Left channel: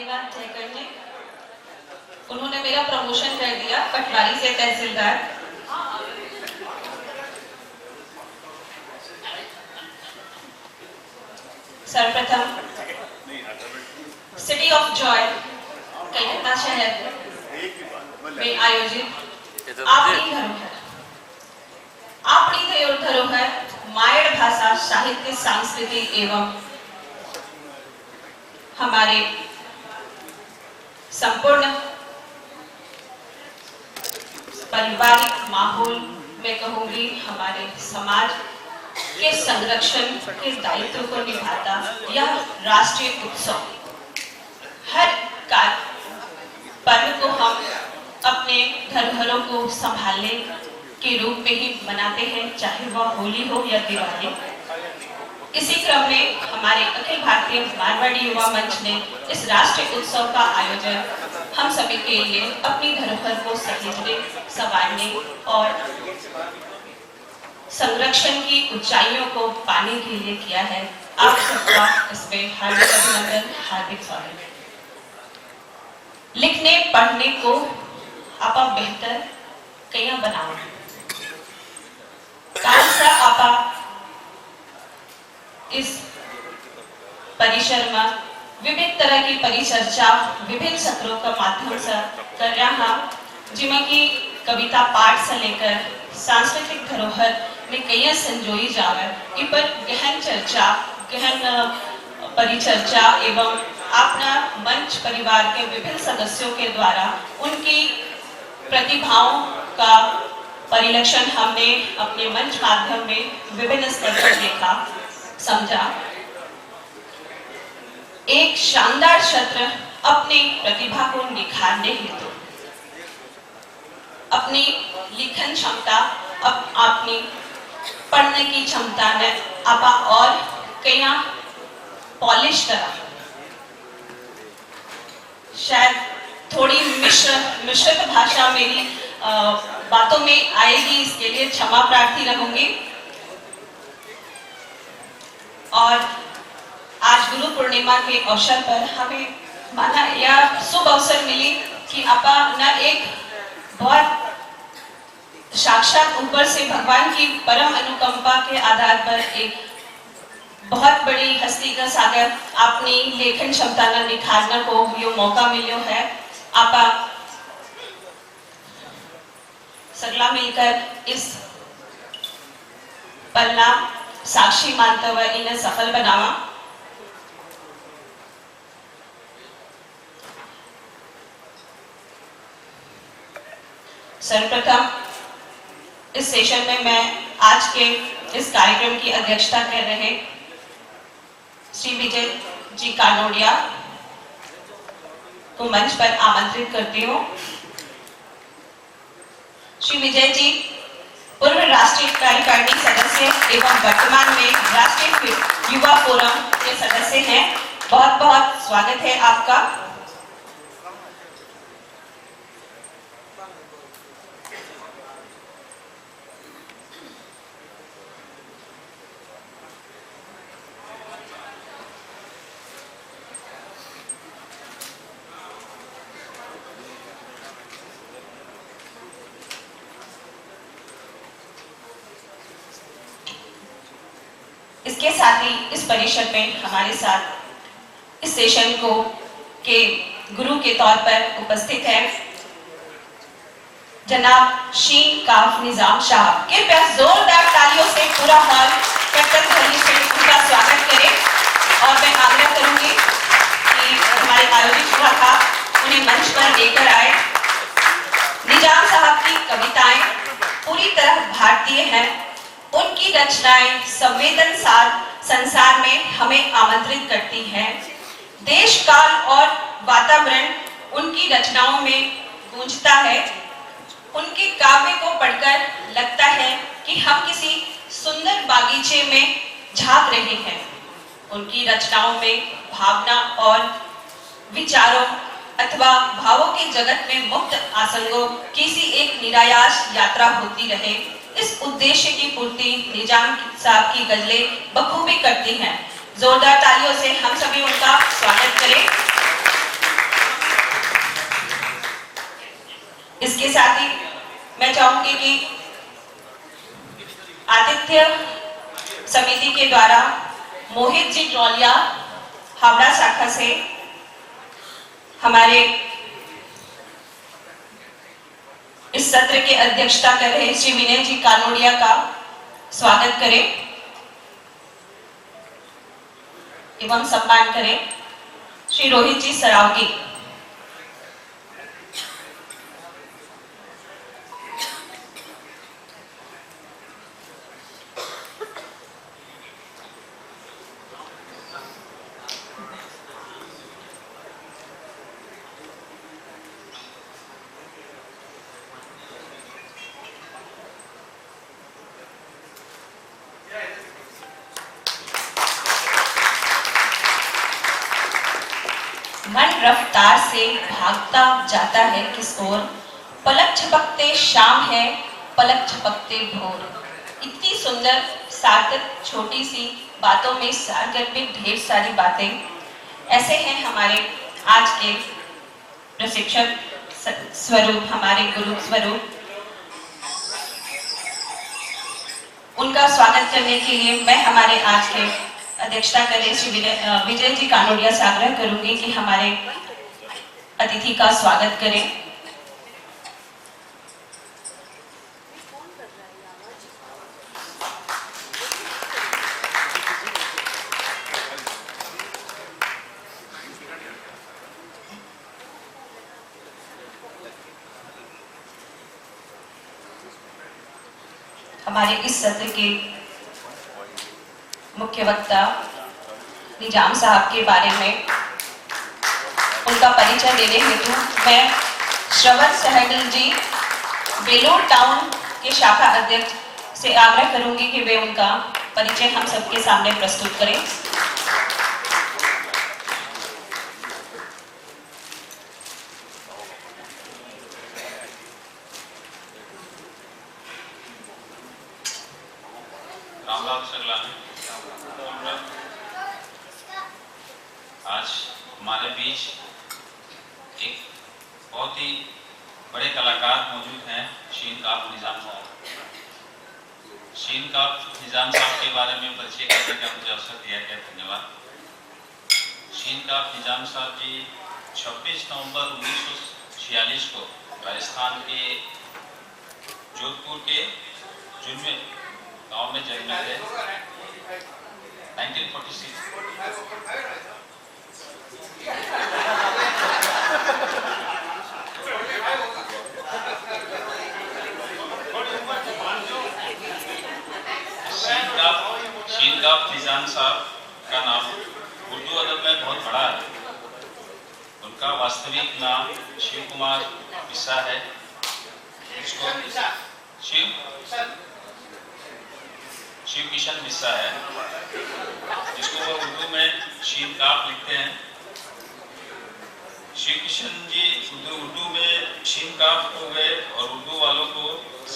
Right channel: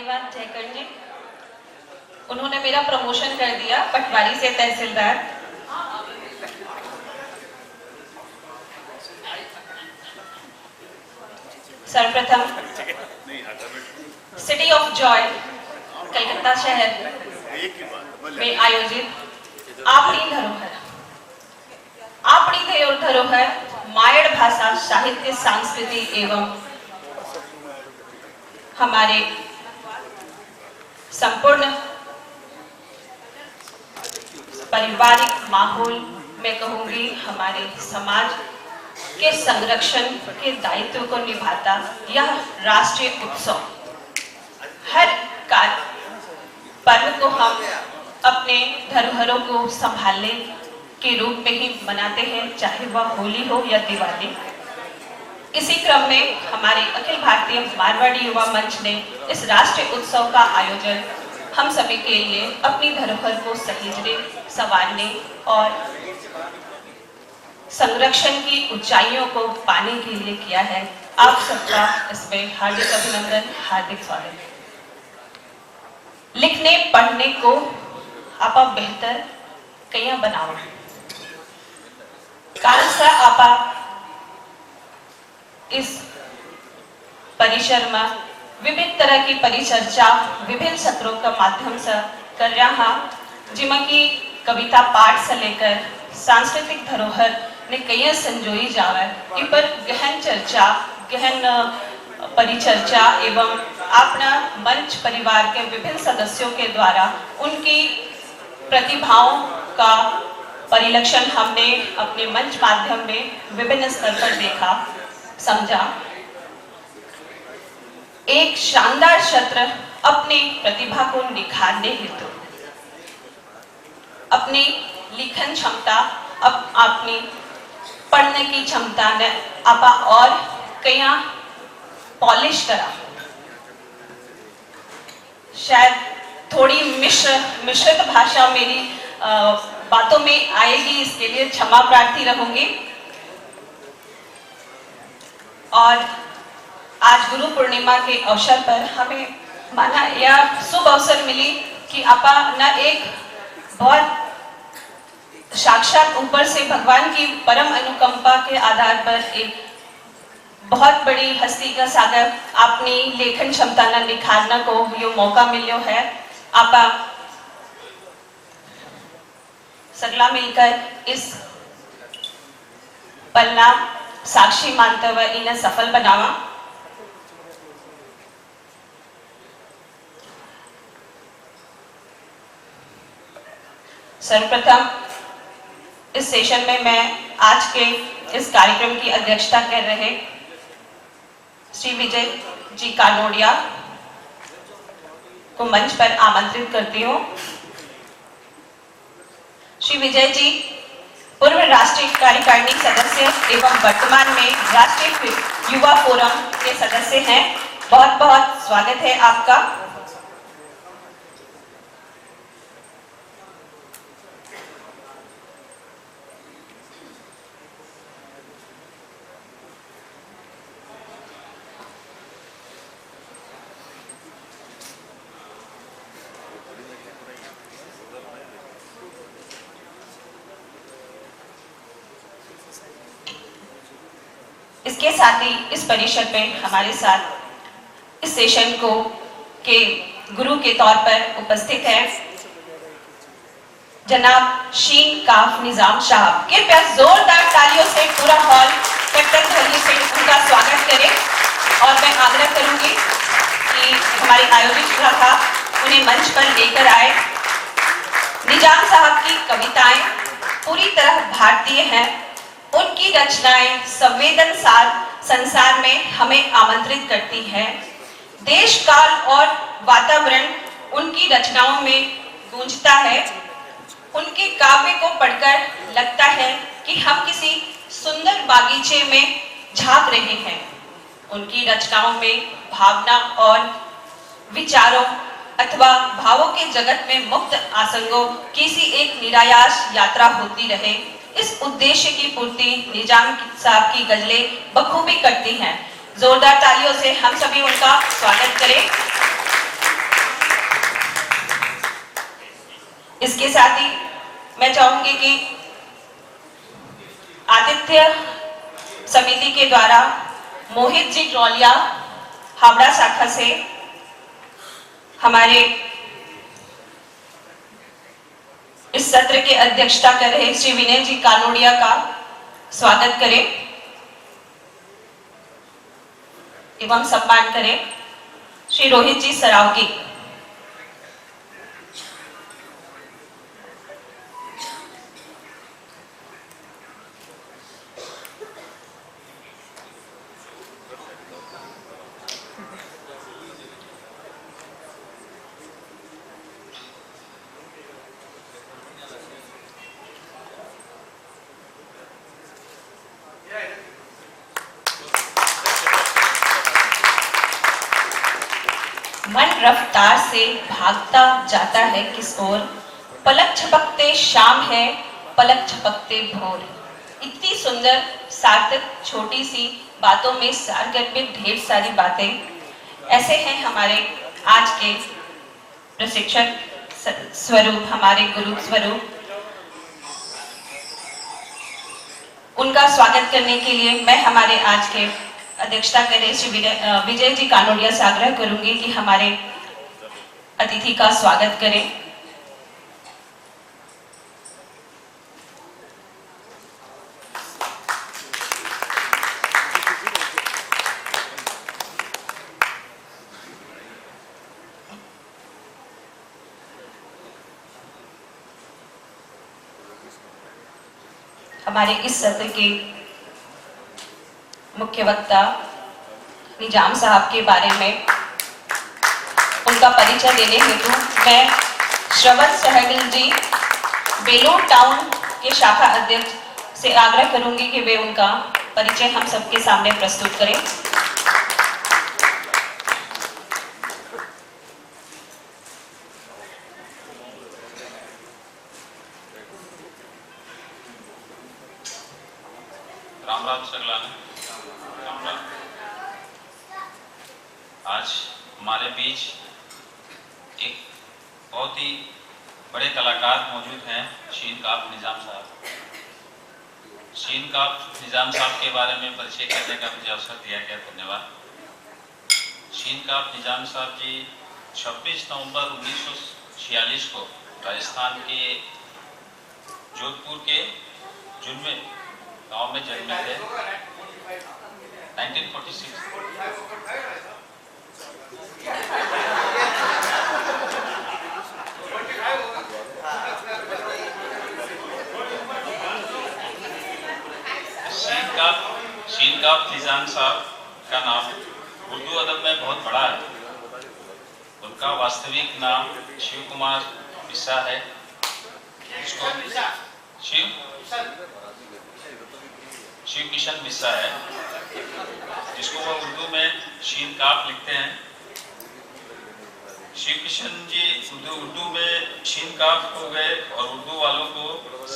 धन्यवाद जयकर जी। उन्होंने मेरा प्रमोशन कर दिया पटवारी से तहसीलदार। सर्वप्रथम सिटी ऑफ जॉय कलकत्ता शहर में आयोजित आपणी धरोहर मायड़ भाषा साहित्य सांस्कृतिक एवं हमारे संपूर्ण पारिवारिक माहौल में कहूंगी हमारे समाज के संरक्षण के दायित्व को निभाता यह राष्ट्रीय उत्सव हर पर्व को हम अपने धरोहरों को संभालने के रूप में ही मनाते हैं, चाहे वह होली हो या दिवाली। इसी क्रम में हमारे अखिल भारतीय मारवाड़ी युवा मंच ने इस राष्ट्रीय उत्सव का आयोजन हम सभी के लिए अपनी धरोहर को सहेजने, संवारने और संरक्षण की ऊंचाइयों को पाने के लिए किया है। आप सबका इसमें हार्दिक अभिनंदन, हार्दिक स्वागत। लिखने पढ़ने को आपा बेहतर कया बनाओ कालसा आपा इस परिसर में विभिन्न तरह की परिचर्चा विभिन्न सत्रों का माध्यम से कर रहा जिसमें कि कविता पाठ से लेकर सांस्कृतिक धरोहर ने कई संजोई जावे इ पर गहन चर्चा गहन परिचर्चा एवं अपना मंच परिवार के विभिन्न सदस्यों के द्वारा उनकी प्रतिभाओं का परिलक्षण हमने अपने मंच माध्यम में विभिन्न स्तर पर देखा, समझा। एक शानदार सत्र अपनी प्रतिभा को निखारने हेतु अपनी लिखन क्षमता अपनी पढ़ने की क्षमता ने आपा और कया पॉलिश करा। शायद थोड़ी मिश्रित भाषा मेरी बातों में आएगी, इसके लिए क्षमा प्रार्थी रहूंगी। और आज गुरु पूर्णिमा के अवसर पर हमें माना यह शुभ अवसर मिली कि आपा न एक बहुत साक्षात ऊपर से भगवान की परम अनुकंपा के आधार पर एक बहुत बड़ी हस्ती का सागर अपनी लेखन क्षमता न निखारना को यो मौका मिलो है। आपा सगला मिलकर इस पन्ना साक्षी मानते हुए इन्हें सफल बनावा। सर्वप्रथम इस सेशन में मैं आज के इस कार्यक्रम की अध्यक्षता कर रहे श्री विजय जी कानोडिया को मंच पर आमंत्रित करती हूँ। श्री विजय जी पूर्व राष्ट्रीय कार्यकारिणी सदस्य एवं वर्तमान में राष्ट्रीय युवा फोरम के सदस्य हैं। बहुत बहुत स्वागत है आपका। इसके साथ ही इस परिषद में हमारे साथ इस सेशन को के गुरु के तौर पर उपस्थित है जनाब शीन काफ निजाम साहब। कृपया जोरदार तालियों से पूरा हॉल कट्टर ध्वनि से उनका स्वागत करें। और मैं आग्रह करूंगी कि हमारे आयोजित सभा उन्हें मंच पर लेकर आए। निजाम साहब की कविताएं पूरी तरह भारतीय हैं। उनकी रचनाएं संवेदनशील संसार में हमें आमंत्रित करती हैं। देश काल और वातावरण उनकी रचनाओं में गूंजता है। उनके काव्य को पढ़कर लगता है कि हम किसी सुंदर बागीचे में झांक रहे हैं। उनकी रचनाओं में भावना और विचारों अथवा भावों के जगत में मुक्त आसंगों किसी एक निरायास यात्रा होती रहे, इस उद्देश्य की पूर्ति निजाम साहब की गजलें बखूबी करती हैं। जोरदार तालियों से हम सभी उनका स्वागत करें। साथ ही मैं चाहूंगी कि आतिथ्य समिति के द्वारा मोहित जी ट्रोलिया हावड़ा शाखा से हमारे इस सत्र की अध्यक्षता कर रहे श्री विनय जी कानोड़िया का स्वागत करें एवं सम्मान करें। श्री रोहित जी सरावगी। मन रफ्तार से भागता जाता है किस ओर, पलक झपकते शाम है पलक झपकते भोर। इतनी सुंदर सार्थक छोटी सी बातों में सार करके ढेर सारी बातें। ऐसे हैं हमारे आज के प्रशिक्षक स्वरूप, हमारे गुरु स्वरूप। उनका स्वागत करने के लिए मैं हमारे आज के अध्यक्षता करें श्री विजय जी कानोड़िया से आग्रह करूंगी कि हमारे अतिथि का स्वागत करें। हमारे इस सत्र के मुख्य वक्ता निजाम साहब के बारे में उनका परिचय देने हेतु मैं श्रवण सहगल जी बेलोर टाउन के शाखा अध्यक्ष से आग्रह करूंगी कि वे उनका परिचय हम सबके सामने प्रस्तुत करें। रामलाल सरलानी। आज हमारे बीच एक बहुत ही बड़े कलाकार मौजूद हैं, शीनकाफ निजाम साहब। शीनकाफ निजाम साहब के बारे में परिचय करने का मुझे अवसर दिया गया, धन्यवाद। शीनकाफ निजाम साहब जी 26 नवंबर 1946 को राजस्थान के जोधपुर के जुम्मे गांव में जन्मे थे। 1946 शीनकाफ निजाम साहब का नाम उर्दू अदब में बहुत बड़ा है। उनका वास्तविक नाम शिव कुमार बिस्सा है। शिव किशन बिस्सा है, जिसको वो उर्दू में शीनकाफ लिखते हैं। शिव किशन जी उर्दू में शीनकाफ हो गए और उर्दू वालों को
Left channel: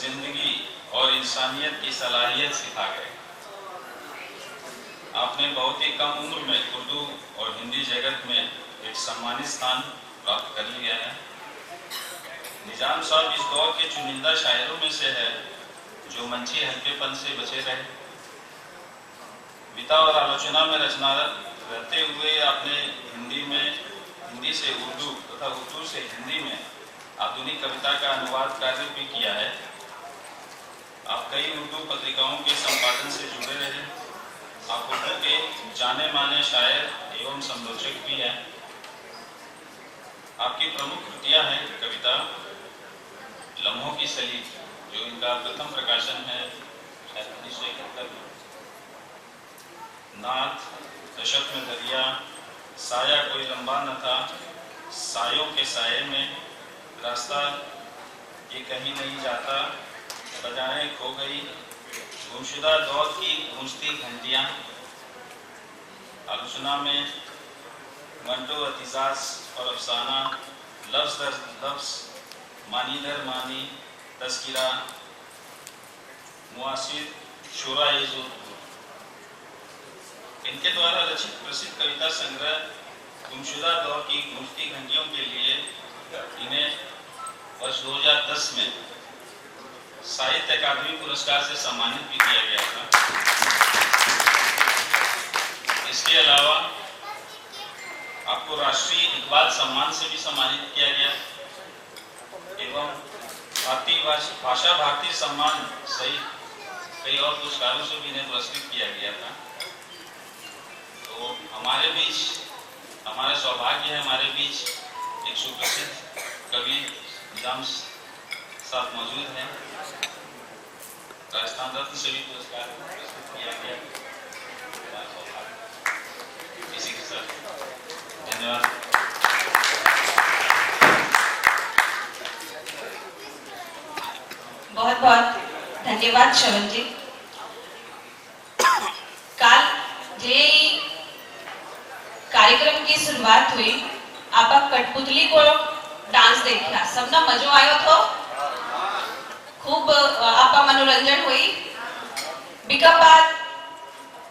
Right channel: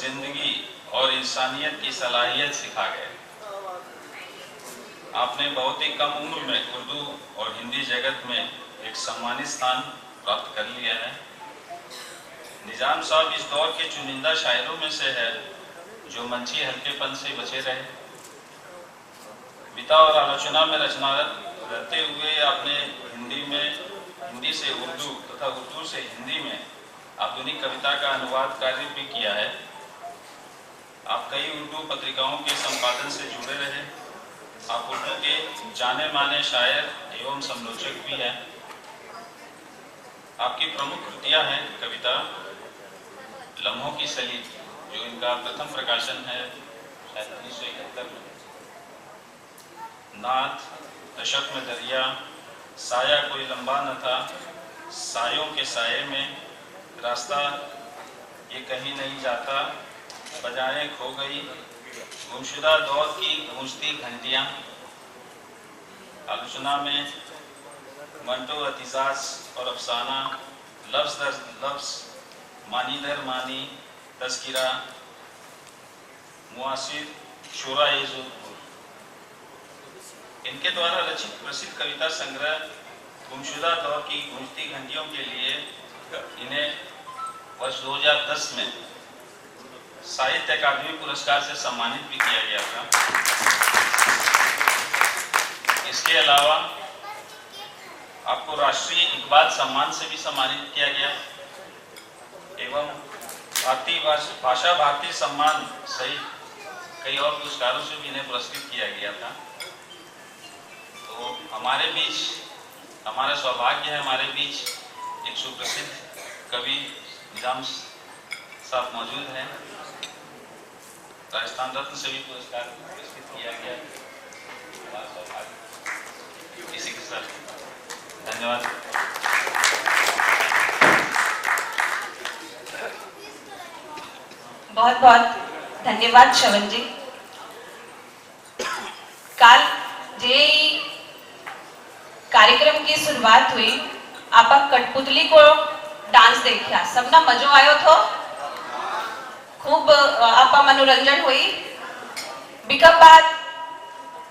जिंदगी और इंसानियत की सलाहियत सिखा गए। आपने बहुत ही कम उम्र में उर्दू और हिंदी जगत में एक सम्मानित स्थान प्राप्त कर लिया है। निजाम साहब इस दौर के चुनिंदा शायरों में से है जो मंची हल्केपन से बचे रहे। विधा और आलोचना में रचना करते हुए आपने हिंदी से उर्दू तथा उर्दू से हिंदी में आधुनिक कविता का अनुवाद कार्य भी किया है। आप कई उर्दू पत्रिकाओं के संपादन से जुड़े रहे। आप उर्दू के जाने माने शायर एवं समालोचक भी हैं। आपकी प्रमुख कृतियां हैं कविता लम्हों की सलीब, जो इनका प्रथम प्रकाशन है 1971 में, नाथ, दशक में दरिया, साया कोई लंबा न था, सायों के साये में, रास्ता ये कहीं नहीं जाता, बजाएं खो गई, गुमशुदा दौर की गूंजती घंटियां। आलोचना में मंटो अतिजाज और अफसाना, लफ्ज दर लफ्ज, मानी दर मानी, तस्किरा, मुआसिर, शुरा ए जोधपुर। इनके द्वारा रचित प्रसिद्ध कविता संग्रह गुमशुदा दौर की गूंजती घंटियों के लिए इन्हें वर्ष 2010 में साहित्य अकादमी पुरस्कार से सम्मानित भी किया गया था। इसके अलावा आपको राष्ट्रीय इकबाल सम्मान से भी सम्मानित किया गया एवं भारतीय भाषा भारती सम्मान सहित कई और पुरस्कारों से भी इन्हें पुरस्कृत किया गया था। तो हमारे बीच हमारा सौभाग्य है, हमारे बीच एक सुप्रसिद्ध कवि निजाम साहब मौजूद हैं। राजस्थान रत्न से भी पुरस्कार पुरस्कृत किया गया। इसी के साथ धन्यवाद। बहुत बहुत धन्यवाद श्रवण जी। काल जे कार्यक्रम की शुरुआत हुई, आप कठपुतली को डांस देखा, सबना मजो आयो थो, खूब आपका मनोरंजन हुई। बिका बाद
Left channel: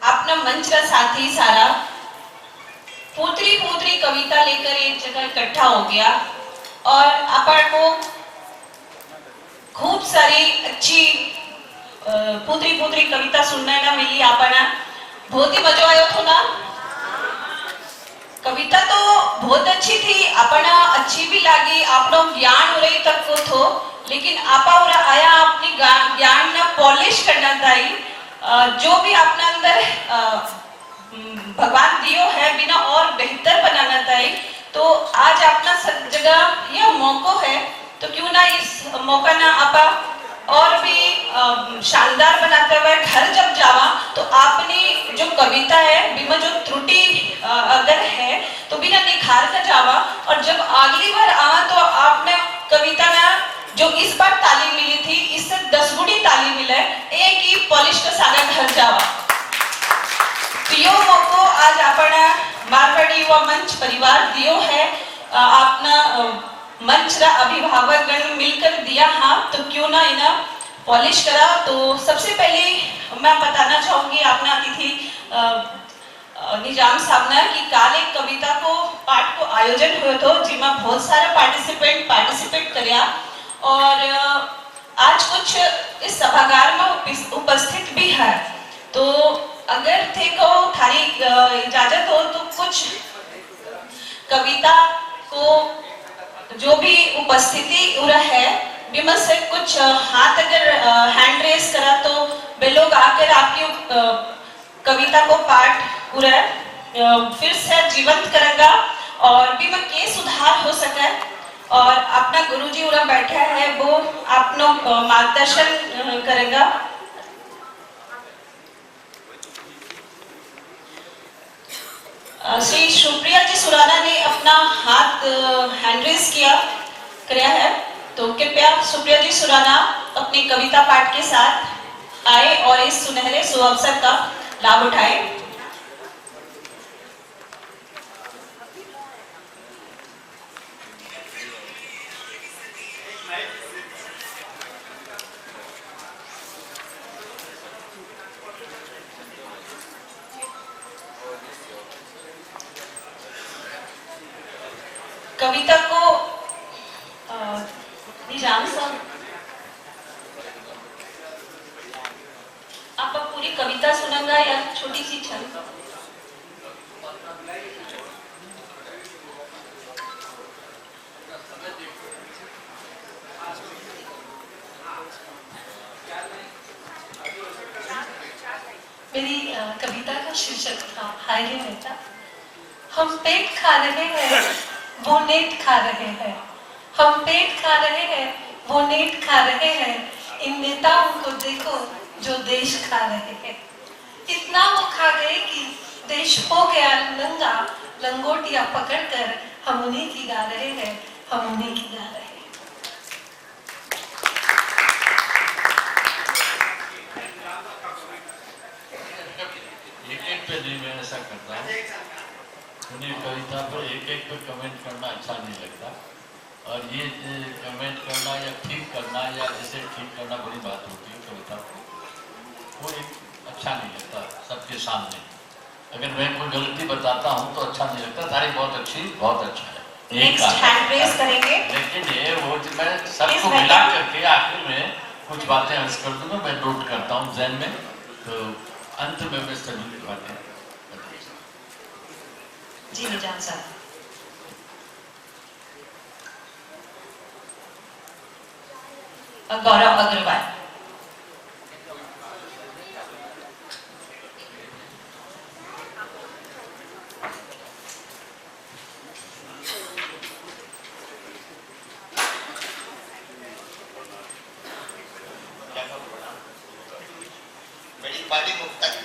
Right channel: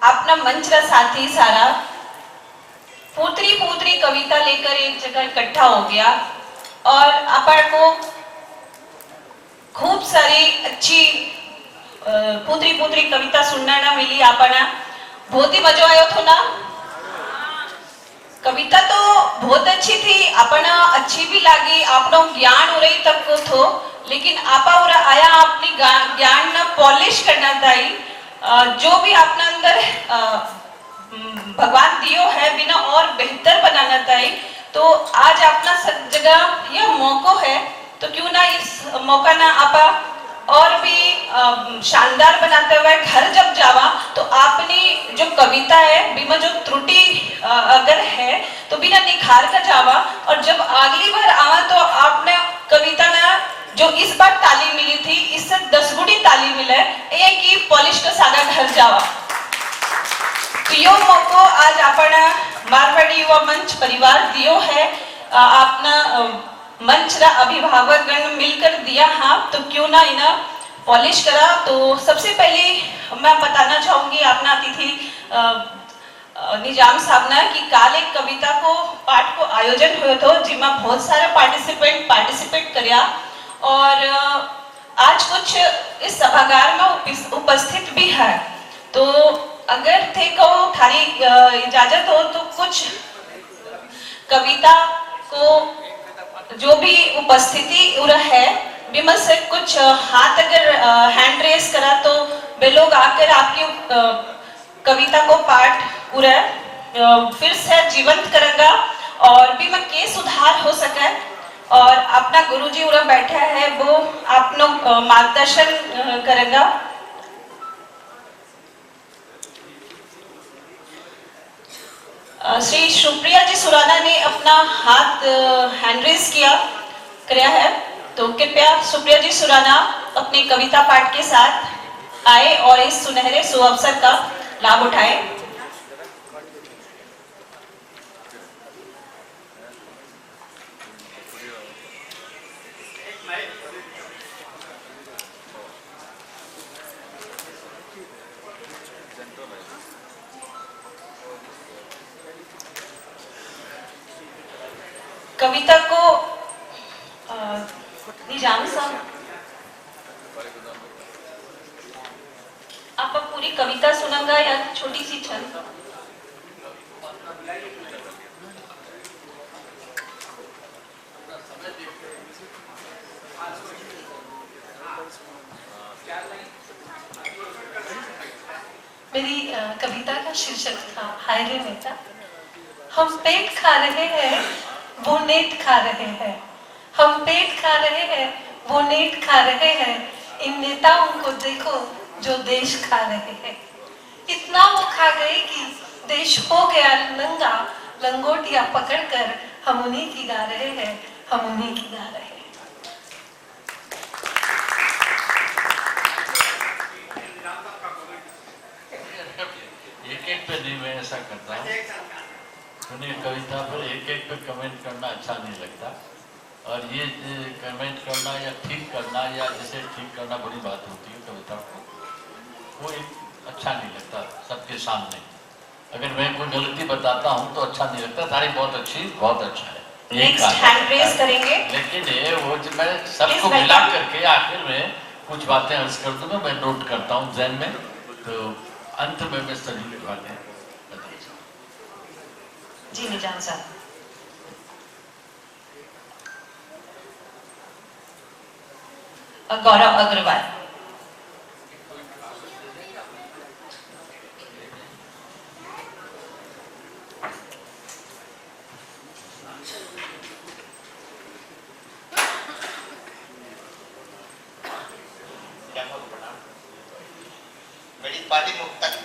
अपना मंच का साथी सारा पूतरी पूतरी कविता लेकर एक जगह इकट्ठा हो गया और अपन को खूब सारी अच्छी पूतरी पूतरी कविता सुनने ना मिली। अपना बहुत ही मजा आयो थो ना। कविता तो बहुत अच्छी थी, अपना अच्छी भी लगी, अपना ज्ञान उरई तक को थो, लेकिन आपा उरा आया अपनी ज्ञान ना पॉलिश करना चाहिए। जो भी अपने अंदर भगवान दियो है बिना और बेहतर बनाना चाहिए। तो आज अपना सब जगह यह मौका है, तो क्यों ना इस मौका ना आपा और भी शानदार बनाते हुए घर जब जावा तो आपने जो कविता है बिना जो त्रुटि अगर है तो बिना निखार कर जावा, और जब अगली बार आवा तो आपने कविता ना जो इस बार तालीम मिली थी इससे 10 गुनी तालीम मिले, एक ही पॉलिश का सारा घर जावा। तो यो मौको आज अपना मारवाड़ी युवा मंच परिवार दियो है, अपना मंच का अभिभावक गण मिलकर दिया। हाँ, तो क्यों ना इन्हें पॉलिश करा। तो सबसे पहले मैं बताना चाहूंगी अपना अतिथि निजाम साहब ने कि काल एक कविता को पाठ को आयोजन हुए थे जिसमें बहुत सारा पार्टिसिपेट करया, और आज कुछ इस सभागार में उपस्थित भी है। तो अगर थे को थारी इजाजत हो तो कुछ कविता को जो भी उपस्थिति उरा है बिमल से कुछ हाथ अगर हैंड रेस करा तो वे लोग आकर आपकी कविता को पाठ पूरा फिर से जीवंत करेगा और भी में के सुधार हो सके। और अपना गुरुजी उरा बैठा है वो आपनो मार्गदर्शन करेगा। श्री सुप्रिया जी सुराना ने अपना हाथ हैंड रेस किया है, तो कृपया सुप्रिया जी सुराना अपनी कविता पाठ के साथ आए और इस सुनहरे सुअवसर का लाभ उठाए। कविता को निजाम साहब आप पूरी कविता सुनेंगे या छोटी सी छंद? मेरी कविता का शीर्षक था हाय रे नेता। हम पेट खा रहे हैं वो नेट खा रहे हैं, हम पेट खा रहे हैं वो नेट खा रहे हैं, इन नेताओं को देखो जो देश खा रहे हैं। इतना वो खा गए कि देश हो गया नंगा, लंगोटिया पकड़कर हम उन्हीं की गा रहे हैं, हम उन्हीं की गा रहे हैं। एक पे नहीं मैं ऐसा करता हूँ, सुनिए कविता पर एक पे कमेंट करना अच्छा नहीं लगता, और ये कमेंट करना या ठीक करना या जैसे ठीक करना बड़ी बात होती है कविता को, वो एक अच्छा नहीं लगता सबके सामने। अगर मैं कोई गलती बताता हूँ तो अच्छा नहीं लगता। तारीफ बहुत अच्छी, बहुत अच्छा है। नेक्स्ट हैंड रेज करेंगे। लेकिन ये वो जो मैं सबको Please मिला welcome. करके आखिर में कुछ बातें अर्ज कर दूंगा, मैं नोट करता हूँ जहन में, तो अंत में मैं सभी बातें जी निजाम साहब। गौरव अग्रवाल। मेरी पार्टी मुफ्ता की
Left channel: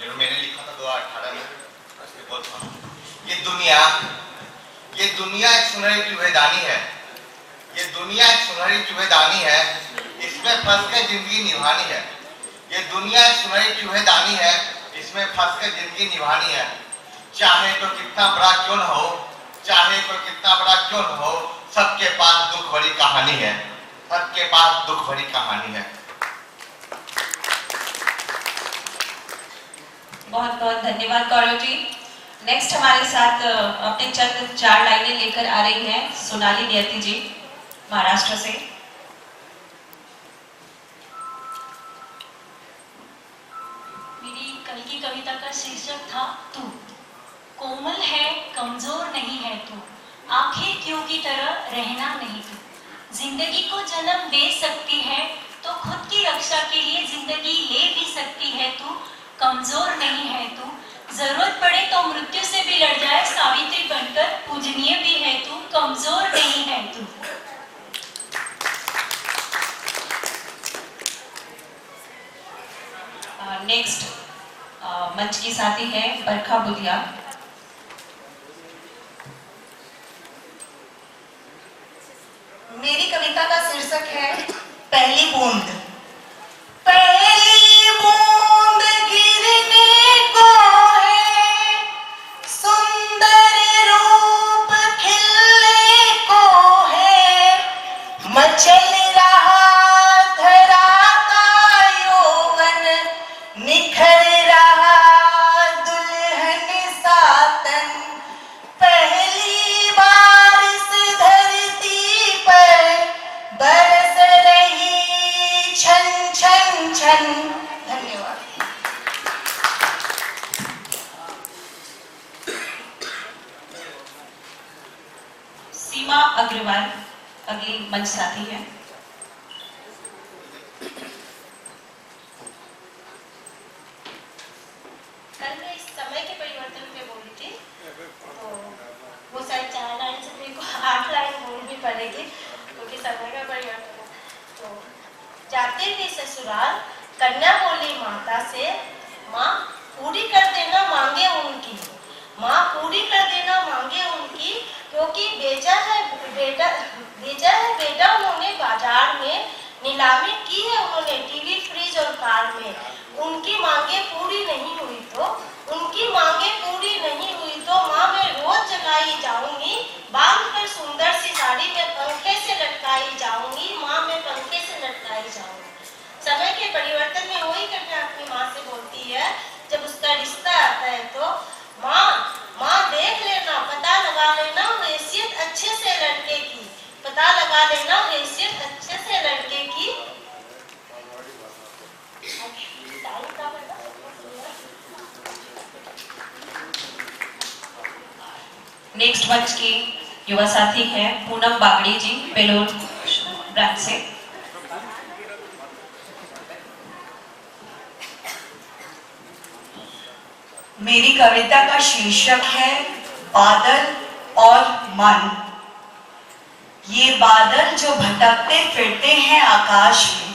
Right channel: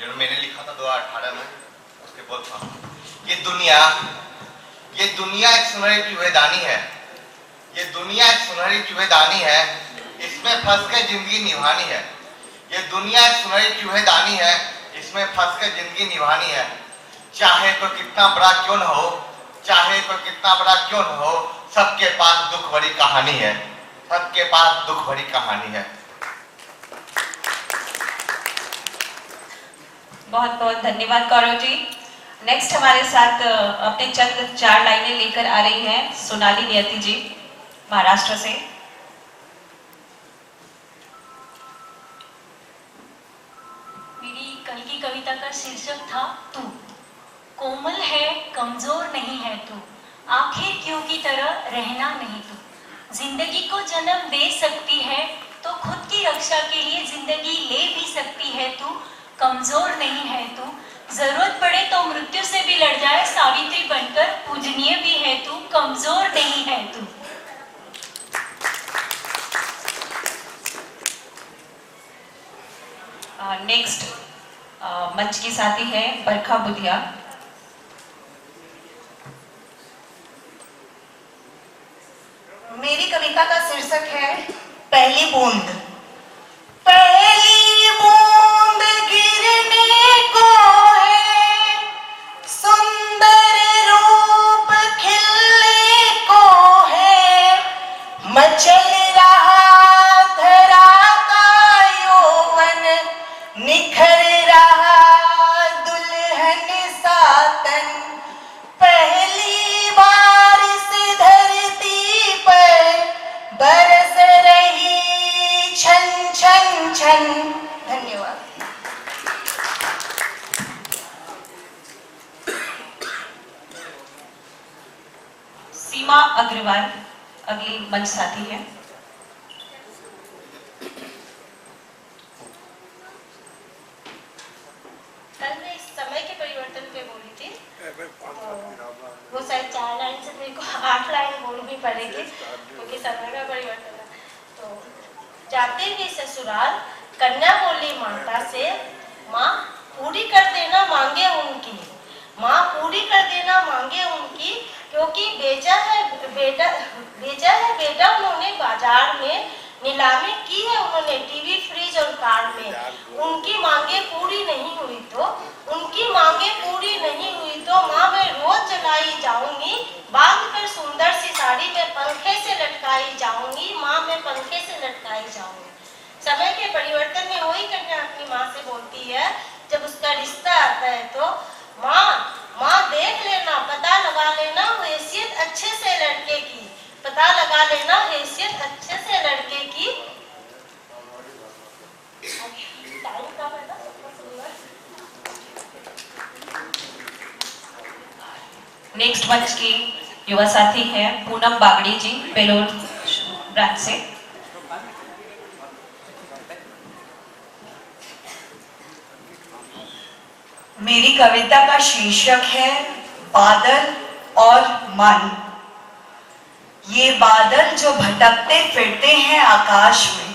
जो मैंने लिखा था 2018 में, उसके बहुत ये दुनिया एक सुनहरी चूहेदानी है। ये दुनिया एक सुनहरी चूहेदानी है, इसमें फंस के जिंदगी निभानी है। ये दुनिया एक सुनहरी चूहेदानी है, इसमें फंस के जिंदगी निभानी है। चाहे तो कितना बड़ा क्यों न हो, चाहे तो कितना बड़ा क्यों न हो, सबके पास दुख भरी कहानी है, सबके पास दुख भरी कहानी है। बहुत बहुत धन्यवाद गौरव जी। नेक्स्ट हमारे साथ अपने चंद 4 लाइनें लेकर आ रही हैं सोनाली नियति जी महाराष्ट्र से। मेरी कल की कविता का शीर्षक था तू। कोमल है, कमजोर नहीं है तू, आंखें क्यों की तरह रहना नहीं तू। जिंदगी को जन्म दे सकती है तो खुद की रक्षा के लिए जिंदगी ले भी सकती है तू। कमजोर नहीं है तू, जरूरत पड़े तो मृत्यु से भी लड़ जाए सावित्री बनकर, पूजनीय भी है तू, कमजोर नहीं है तू। नेक्स्ट मंच की साथी है बरखा बुधिया। मेरी कविता का शीर्षक है पहली बूंद। पहली बूंद गिरने को है, सुंदर रूप खिलने को है, मचल रहा धरा का यौवन, निखर रहा दुल्हन सातन। पहली बार इस धरती पर बरस रही छन छन छन। धन्यवाद। सीमा अग्रवाल अगली मंच साथी है। कल मैं इस समय के परिवर्तन पे बोली थी, तो वो शायद 4 लाइन से मेरे को 8 लाइन बोलनी पड़ेगी क्योंकि समय का परिवर्तन है। तो जाते ही ससुराल कन्या बोली माता से, माँ पूरी कर देना मांगे उनकी, माँ पूरी कर देना मांगे उनकी, क्योंकि बेचा है बेटा उन्होंने बाजार में, नीलामी की है उन्होंने टीवी फ्रिज और कार में। उनकी मांगे पूरी नहीं हुई तो, उनकी मांगे पूरी नहीं हुई तो माँ मैं रोज जगाई जाऊंगी, बांध कर सुंदर सी साड़ी में पंखे से लटकाई जाऊंगी, माँ मैं पंखे से लटकाई जाऊंगी। समय के परिवर्तन में वही कन्या अपनी माँ से बोलती है जब उसका रिश्ता आता है तो, माँ देख लेना, पता लगा लेना हैसियत अच्छे से लड़के की, पता लगा लेना हैसियत अच्छे से लड़के की। नेक्स्ट मंच की युवा साथी है पूनम बागड़ी जी बेलोर ब्रांच से। मेरी कविता का शीर्षक है बादल और मन। ये बादल जो भटकते फिरते हैं आकाश में,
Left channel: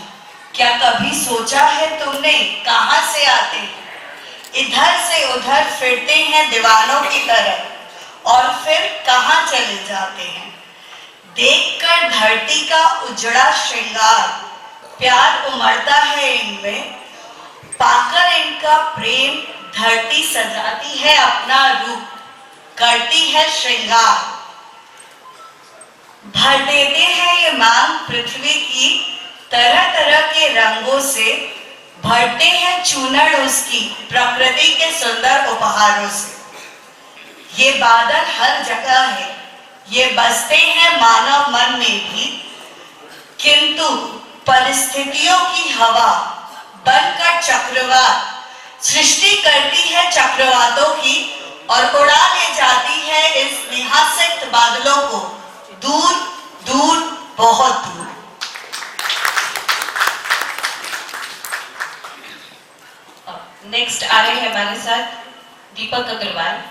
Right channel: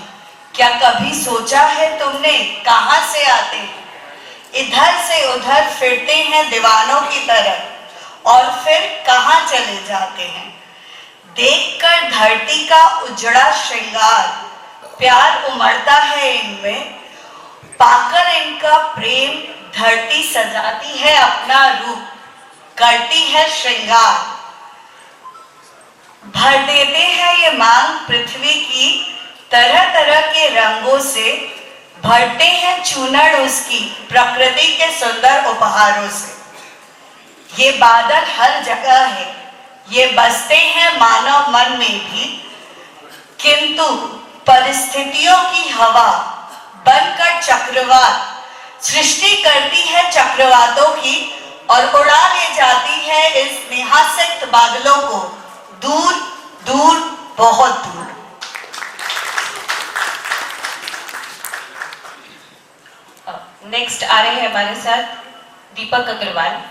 क्या कभी सोचा है तुमने कहां से आते हैं? इधर से उधर फिरते हैं दीवानों की तरह और फिर कहां चले जाते हैं। देखकर धरती का उजड़ा श्रृंगार, प्यार उमड़ता है इनमें, पाकर इनका प्रेम धरती सजाती है अपना रूप, करती है श्रृंगार। भर देते हैं ये मांग पृथ्वी की तरह तरह के रंगों से, भरते हैं चूनड़ उसकी प्रकृति के सुंदर उपहारों से। ये बादल हर जगह है, ये बसते हैं मानव मन में भी, किंतु परिस्थितियों की हवा बनकर चक्रवात सृष्टि करती है चक्रवातों की और उड़ा ले जाती है इस निहासित बादलों को दूर दूर, बहुत दूर। नेक्स्ट आ रहे हैं हमारे साथ दीपक अग्रवाल।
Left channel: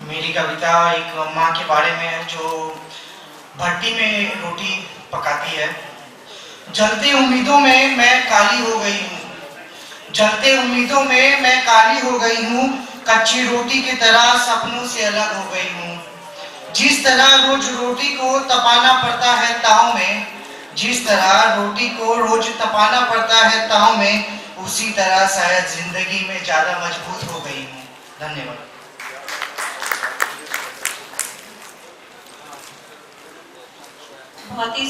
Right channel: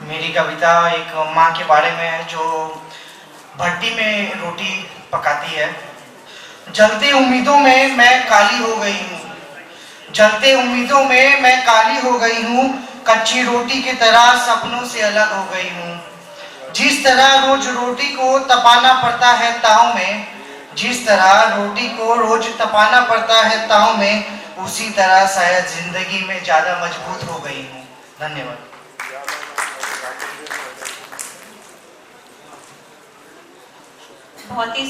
मेरी कविता एक माँ के बारे में है जो भट्टी में रोटी पकाती है। जलती उम्मीदों में मैं काली हो गई हूँ, जलते उम्मीदों में मैं काली हो गई हूँ, कच्ची रोटी की तरह सपनों से अलग हो गई हूँ। जिस तरह रोज रोटी को तपाना पड़ता है ताव में, जिस तरह रोटी को रोज तपाना पड़ता है ताव में, उसी तरह शायद जिंदगी में ज्यादा मजबूत हो गई हूँ। धन्यवाद। बहुत ही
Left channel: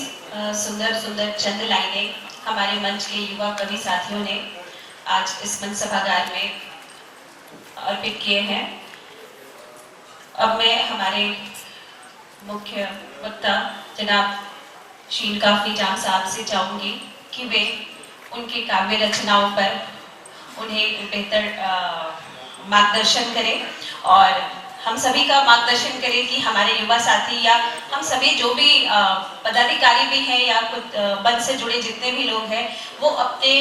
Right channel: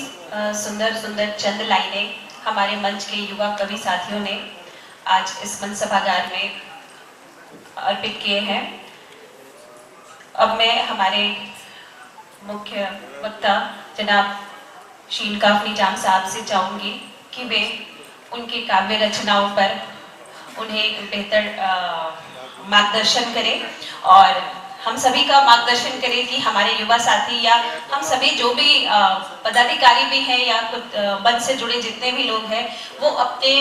सुंदर सुंदर चंद लाइनें हमारे मंच के युवा कवि साथियों ने आज इस मंच सभागार में अर्पित किए हैं। अब मैं हमारे मुख्य वक्ता जनाब शीन काफी जाम साहब से चाहूंगी कि वे उनके काव्य रचनाओं पर उन्हें बेहतर मार्गदर्शन करें और हम सभी का मार्गदर्शन करें कि हमारे युवा साथी या हम सभी जो भी पदाधिकारी भी हैं या कुछ मंच से जुड़े जितने भी लोग हैं वो अपने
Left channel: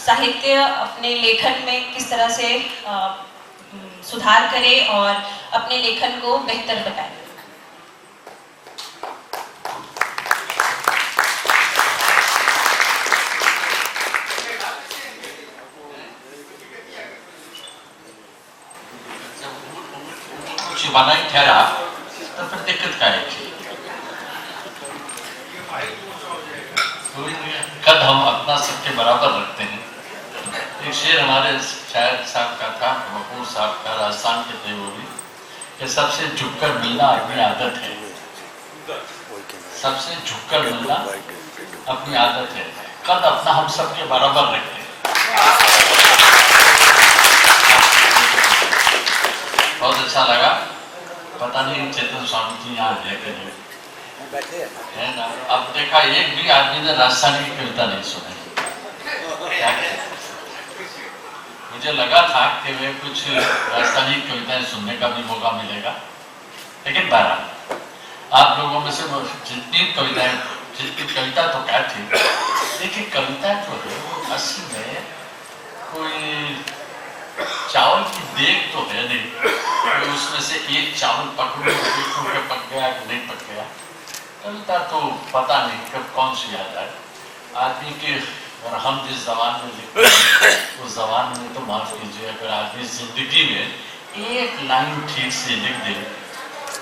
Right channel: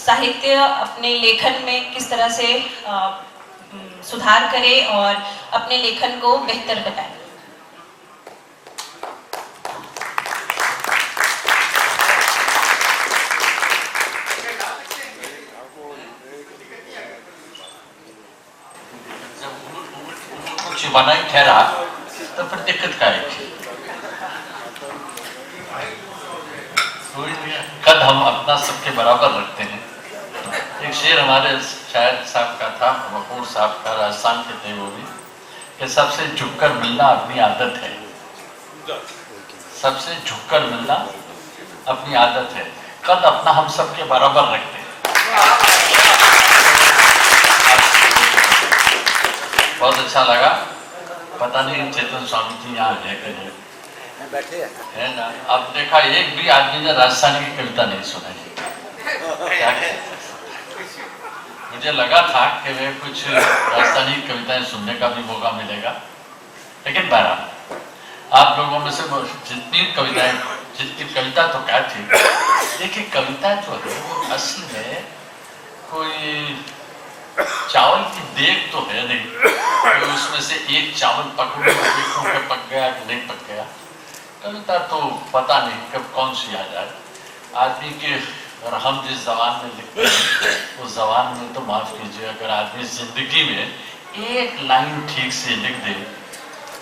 साहित्य, अपने लेखन में किस तरह से सुधार करें और अपने लेखन को बेहतर बताएं। बना ही ठहरा तो फिर दिक्कत क्या है? कद हम अपना सबके बराबर रखते हैं। एक शेर हमारे शायर साहब का था, वकूर साहब का, राजस्थान के थे वो भी, कि सबसे झुककर मिलना अपनी आदत है। सबसे झुककर मिलना अपनी आदत है। कद अपना हम सबके बराबर रखते हैं। बहुत अच्छा लगा। पता नहीं चेतन स्वामी जी यहाँ है कि नहीं है ना। अब देखा एक भी आदमी ने राजस्थान की कविता नहीं सुनाई। क्या मुझे लगा था कि वे कुछ राजस्थानी कविताएं सुनने का भी मौका मिलेगा, लेकिन बहरहाल आप लोगों में से जितनी कविताएं, जितनी कविता तो क्या थी, देखिए कविता जो है वो असल में कोई चावल की देग तो है नहीं, तो उसमें से एक चावल पकड़ो देखो कि पक गया कि नहीं पक गया। कविता तो पता नहीं कब कौन सी आ जाए आदमी के। और हम जिस जबान में लिखते हैं उस जबान में तो माफ कीजिए, अगर आदमी जिंदगी में एक लाइन ठीक से लिख दे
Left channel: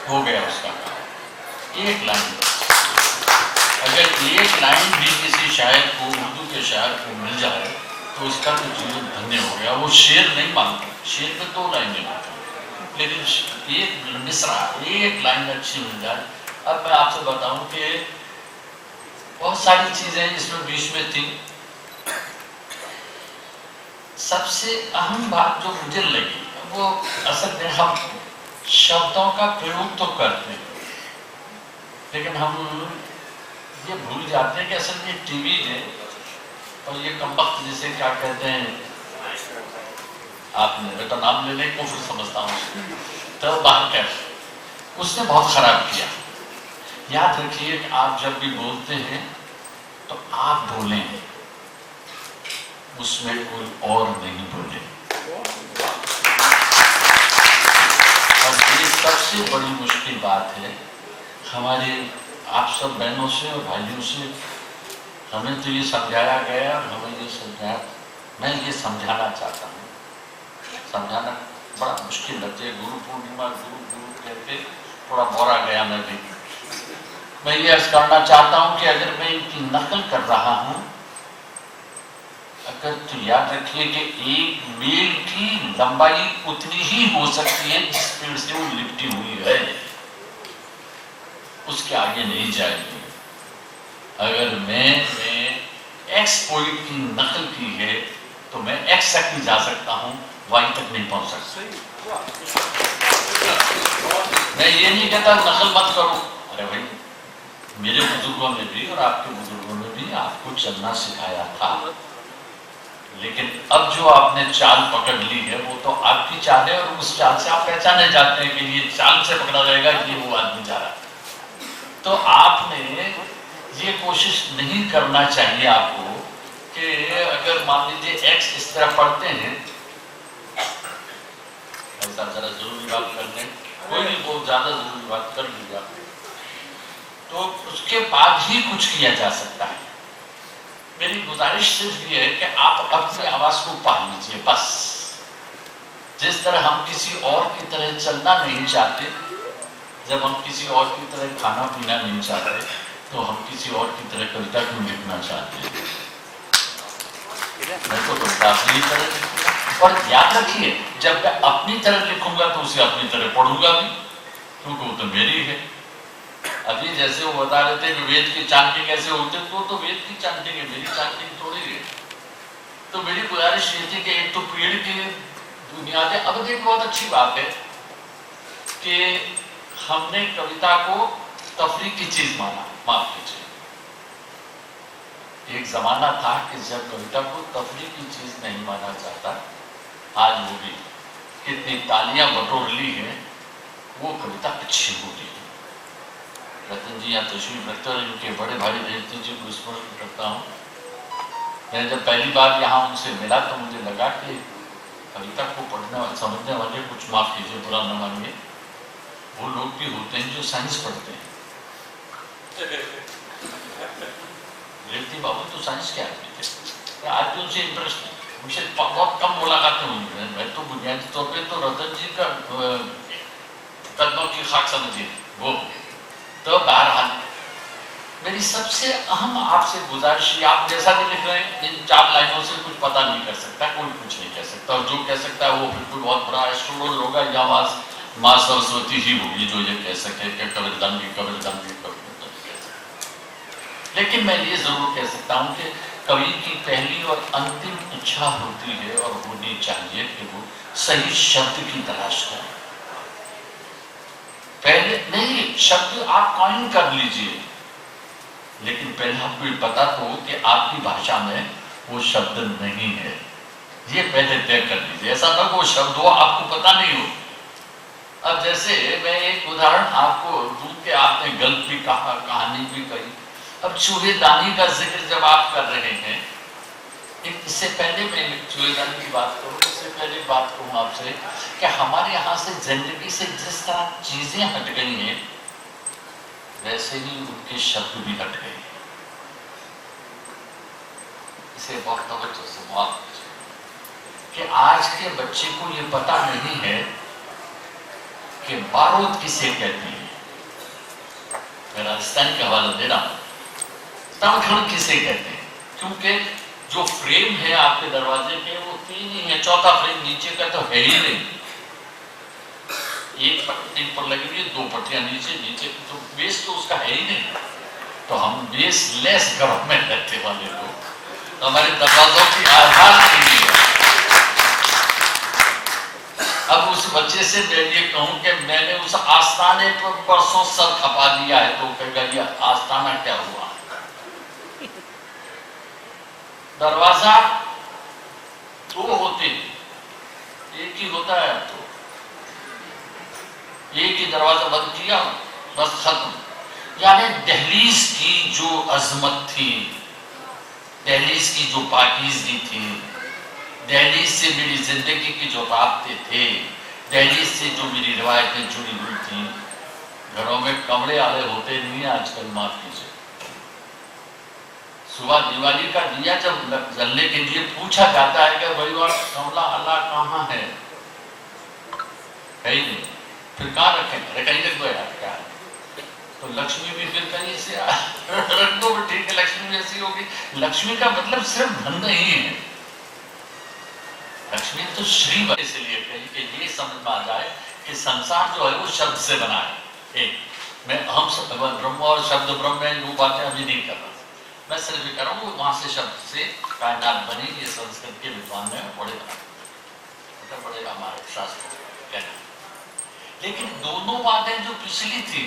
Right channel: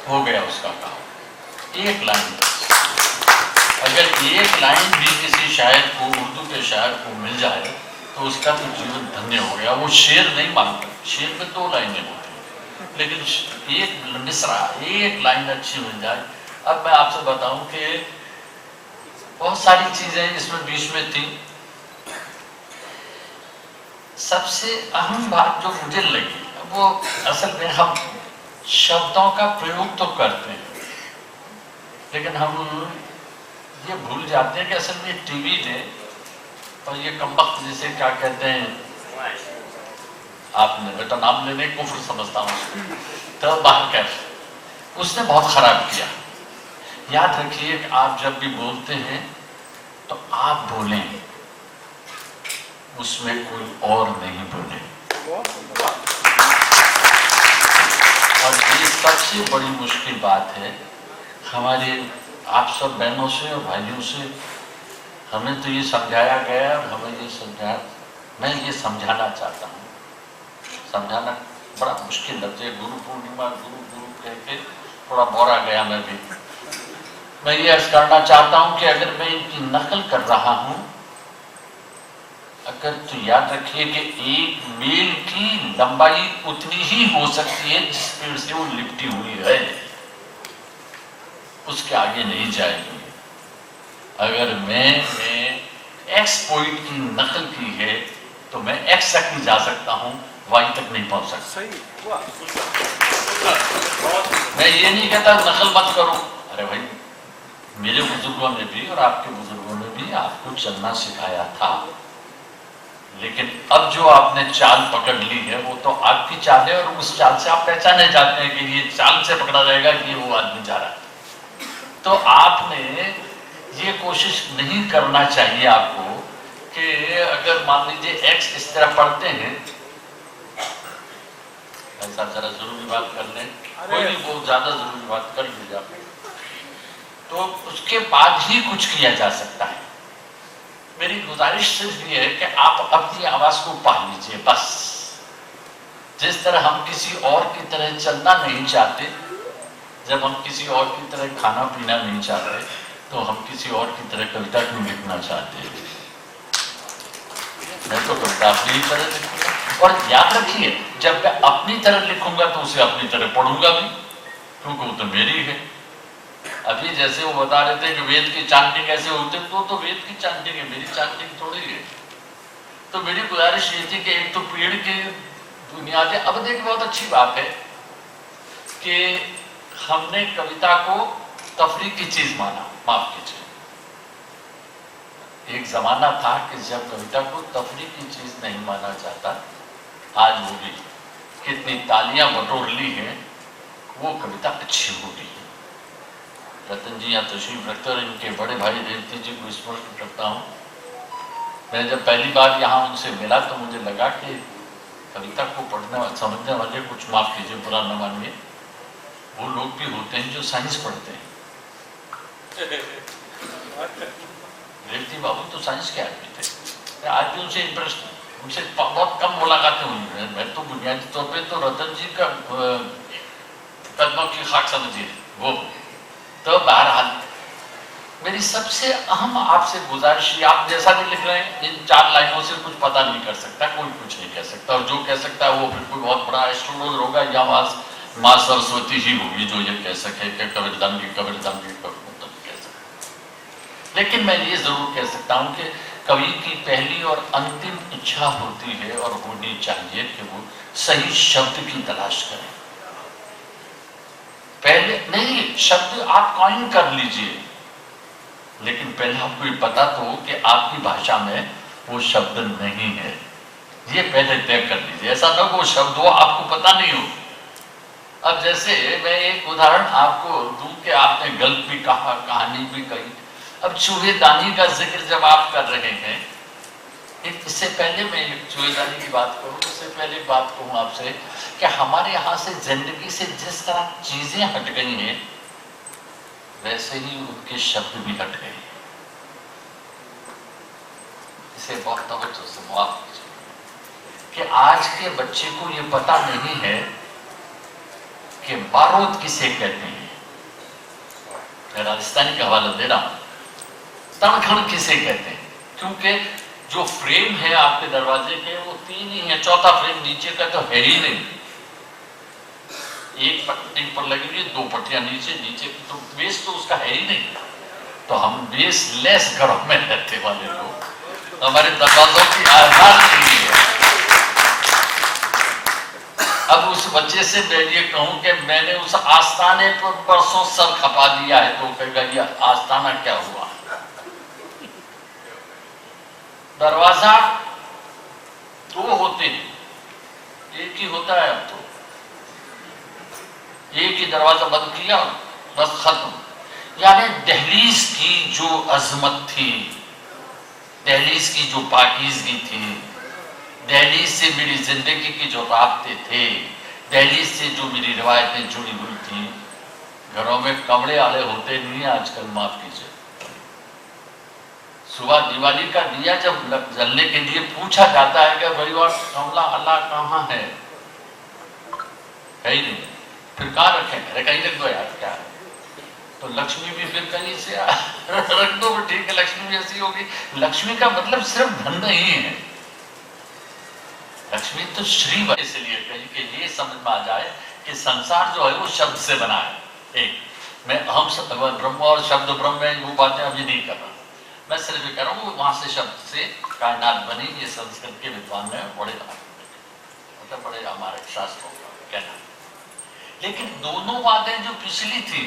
हो गया उसका काम। एक लाइन, अगर एक लाइन भी किसी शायर को, उर्दू के शायर को मिल जाए तो उसका तो जीवन धन्य हो गया। वो शेर नहीं मांगता, शेर में 2 लाइनें होती, लेकिन एक मिसरा, एक लाइन अच्छी मिल जाए। अब मैं आपसे बताऊं कि बहुत सारी चीजें इसमें बीच में थी। सबसे अहम बात जो मुझे लगी वो असल में हम शब्दों का प्रयोग तो करते हैं, लेकिन हम ये भूल जाते हैं कि असल में टीवी ने और ये कमबख्त जिसे क्या कहते हैं, आपने बेटा नाम लेने को फिर समझता हूँ, तो बाहर उसने बहुत खराब किया। याद रखिए कि आप जब भी बोलते हैं तो आप बोलें, उसमें कोई और नहीं बोले। और ये सबसे बड़ी मुश्किल बात है हमारे आप सब बहनों से और भाइयों से। हमें तो ये समझाया गया, हमें ये समझाया, मैं ये समझाना चाहता हूँ। समझाना बड़ा मुश्किल लगता है। गुरु पूर्णिमा गुरु गुरु कहते थोड़ा बोरा गया मैं भी। मैं ये अर्ज करना चाहता हूँ कि अगर मैं इनकी नकल कर रहा हूँ, अगर तो याद रखिए कि एक मील की लंबाई उतनी ही हो सकती है जिस पेड़ से वो लिपटी हुई है, उसके आगे नहीं जाएगी। अगर मैंने एक्स पोइट की नकल की है तो मैं एक्स तक नहीं जा सकता हूं, वाई तक नहीं पहुंच सकता। मैं ये नहीं कहता नकल मत करो, अरे भाई मेरे बुजुर्गों ने भी और आपके बुजुर्गों ने भी आपको चलना सिखाया था, लेकिन अब जो आपने चाल पकड़ ली है वो तो आपकी चाल है और उस चाल से आप पहचाने जाते हैं कि ये चाल से पकड़ा जाएगा कि वो आदमी जा रहा है। तो आपने ये कोशिश नहीं करना चाहिए आपको कि अगर मान लीजिए एक्स इस तरह पढ़ते हैं, ऐसा जरा जरूरी बात कर लें, कोई नहीं बहुत ज्यादा जरूरी बात कर लीजिए आप, तो उसके बाद ही कुछ किया जा सकता है। मेरी गुजारिश सिर्फ ये है कि आप अपनी आवाज को पा लीजिए बस। जिस तरह हम किसी और की तरह चलना नहीं चाहते, जब हम किसी और की तरह खाना पीना नहीं चाहते, तो हम किसी और की तरह कविता क्यों लिखना चाहते हैं? मैं तो कविता अपनी तरह लिखूंगा, और याद रखिए जब मैं अपनी तरह लिखूंगा तो उसे अपनी तरह पढ़ूंगा भी, क्योंकि वो तो मेरी है। अभी जैसे वो बता रहे थे कि वेद की चांटिंग कैसे होती है, तो वेद की चांटिंग है, मेरी चांटिंग थोड़ी है। तो मेरी गुजारिश ये थी कि एक तो पेड़ की बुनियादें, अब एक बहुत अच्छी बात है कि हमने कविता को तफरीह की चीज माना, माफ कीजिए। एक जमाना था कि जब कविता को तफरीह की चीज नहीं माना जाता, आज वो भी कितनी तालियां बटोर ली है, वो कविता अच्छी हो रही है। रतन जी यहाँ तशरीफ रखते हैं, इनके बड़े भाई देवती जी को स्मरण करता हूँ। मैं जब पहली बार यहाँ उनसे मिला तो मुझे लगा कि कविता को पढ़ने समझने वाले, कुछ माफ कीजिए बुरा न मानिए, वो लोग भी होते हैं जो साइंस पढ़ते हैं। देवती बाबू तो साइंस के आदमी थे, आज भी उनसे इंटरेस्ट है, उनसे बहुत कम मुलाकातें हुई। मैं तो बुनियादी तौर पर तो रतन जी का कदमों की खाक समझिए वो। तो बहरहाल मेरी सबसे अहम आपसे गुजारिश, आप जैसा भी लिख रहे हैं, इन 4 लाइनों से कुछ पता नहीं कर सकता, कोई कुछ नहीं कह सकता, और जो कह सकता है वो फिर कोई बहुत बड़ा एस्ट्रोनॉट होगा या माँ सरस्वती ही होगी जो ये कह सके कि कबीरदांगी कबीरदांगी कबीरदांगी। लेकिन मैं ये जरूर कह सकता हूँ कि कवि की पहली और अंतिम इच्छा होती है और होनी चाहिए कि वो सही शब्द की तलाश करें। पहले नहीं, शब्द आप कॉइन कर लीजिए, लेकिन पहले आपको ये पता तो हो कि आपकी भाषा में वो शब्द नहीं है, ये पहले तय कर लीजिए। ऐसा ना वो शब्द हो आपको पता नहीं हो। अब जैसे मैं एक उदाहरण आपको दूं कि आपने गल्प भी कहा, कहानी भी कही। अब चूहेदानी का जिक्र जब आप कर रहे हैं, एक इससे पहले मैं चूहेदानी की बात करूं, इससे पहले बात कहूं आपसे कि हमारे यहाँ से जिंदगी से जिस तरह चीजें हट गई हैं, वैसे ही उनके शब्द भी हट गए। इसे बहुत तवज्जो से माफ कि आज के बच्चे को ये पता नहीं है कि बारूद किसे कहते हैं। मैं राजस्थानी का हवाला दे रहा हूं, तड़खड़ किसे कहते हैं, क्योंकि जो फ्रेम है आपके दरवाजे के वो 3 ही है, चौथा फ्रेम नीचे का तो है ही नहीं। एक पट्टी पर लगेगी, 2 पट्टियां नीचे, नीचे तो बेस तो उसका है ही नहीं। तो हम बेस लेस घरों में रहते वाले लोग, तो हमारे दरवाजों की आधार नहीं है। अब उस बच्चे से मैं ये कहूं कि मैंने उस आस्थाने पर परसों सर खपा दिया है, तो कहेगा ये आस्थाना क्या हुआ। दरवाजा 2 होते हैं, एक ही होता है। अब तो एक ही दरवाजा बंद किया, बस खत्म। यानी दहलीज की जो अजमत थी, दहलीज की जो पाकीज़गी थी, दहलीज से मेरी जिंदगी की जो राब्ते थे, दहलीज से जो मेरी रिवायतें जुड़ी हुई थी, घरों में कमरे वाले होते नहीं आजकल, माफ कीजिए। सुबह दिवाली का दिया जब जलने के लिए पूछा जाता है कि भाई और कमला अल्लाह कहाँ है, कहीं नहीं, फिर कहाँ रखें, अरे कहीं रख दो यार, क्या है। तो लक्ष्मी भी फिर कहीं से रख दो, ठीक है, लक्ष्मी भी ऐसी होगी। लक्ष्मी का मतलब सिर्फ धन नहीं है, लक्ष्मी तो श्री, इसलिए कहीं कि ये समझ में आ जाए कि संसार जो है वो शब्द से बना है। एक मैं हम ब्रह्म और शब्द ब्रह्म में वो बातें अभी नहीं कर रहा, मैं सिर्फ ये कह रहा हूँ वहां से शब्द से कायनात बनी, ये संस्कृत के विद्वान ने बड़े मतलब बड़े हमारे शास्त्रों कहना। लेकिन दोनों बातें जो पिछली थी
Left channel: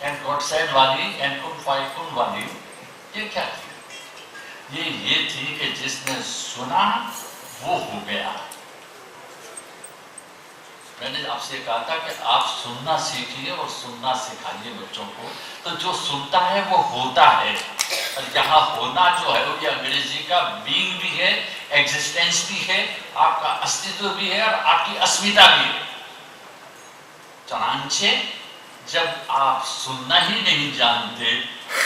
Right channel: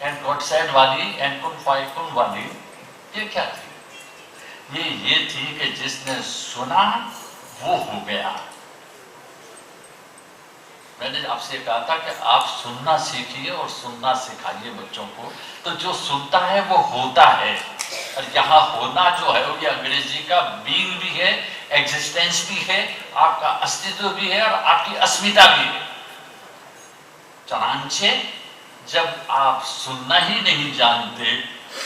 एंड गॉड सेड वाली एंड कुन फायकुन वाली, ये क्या थी? ये थी कि जिसने सुना वो हो गया। मैंने आपसे कहा था कि आप सुनना सीखिए और सुनना सिखाइए बच्चों को, तो जो सुनता है वो होता है। और यहाँ होना जो है वो ये अंग्रेजी का बीइंग भी है, एग्जिस्टेंस भी है, आपका अस्तित्व भी है और आपकी अस्मिता भी है। चनांचे जब आप सुनना ही नहीं जानते,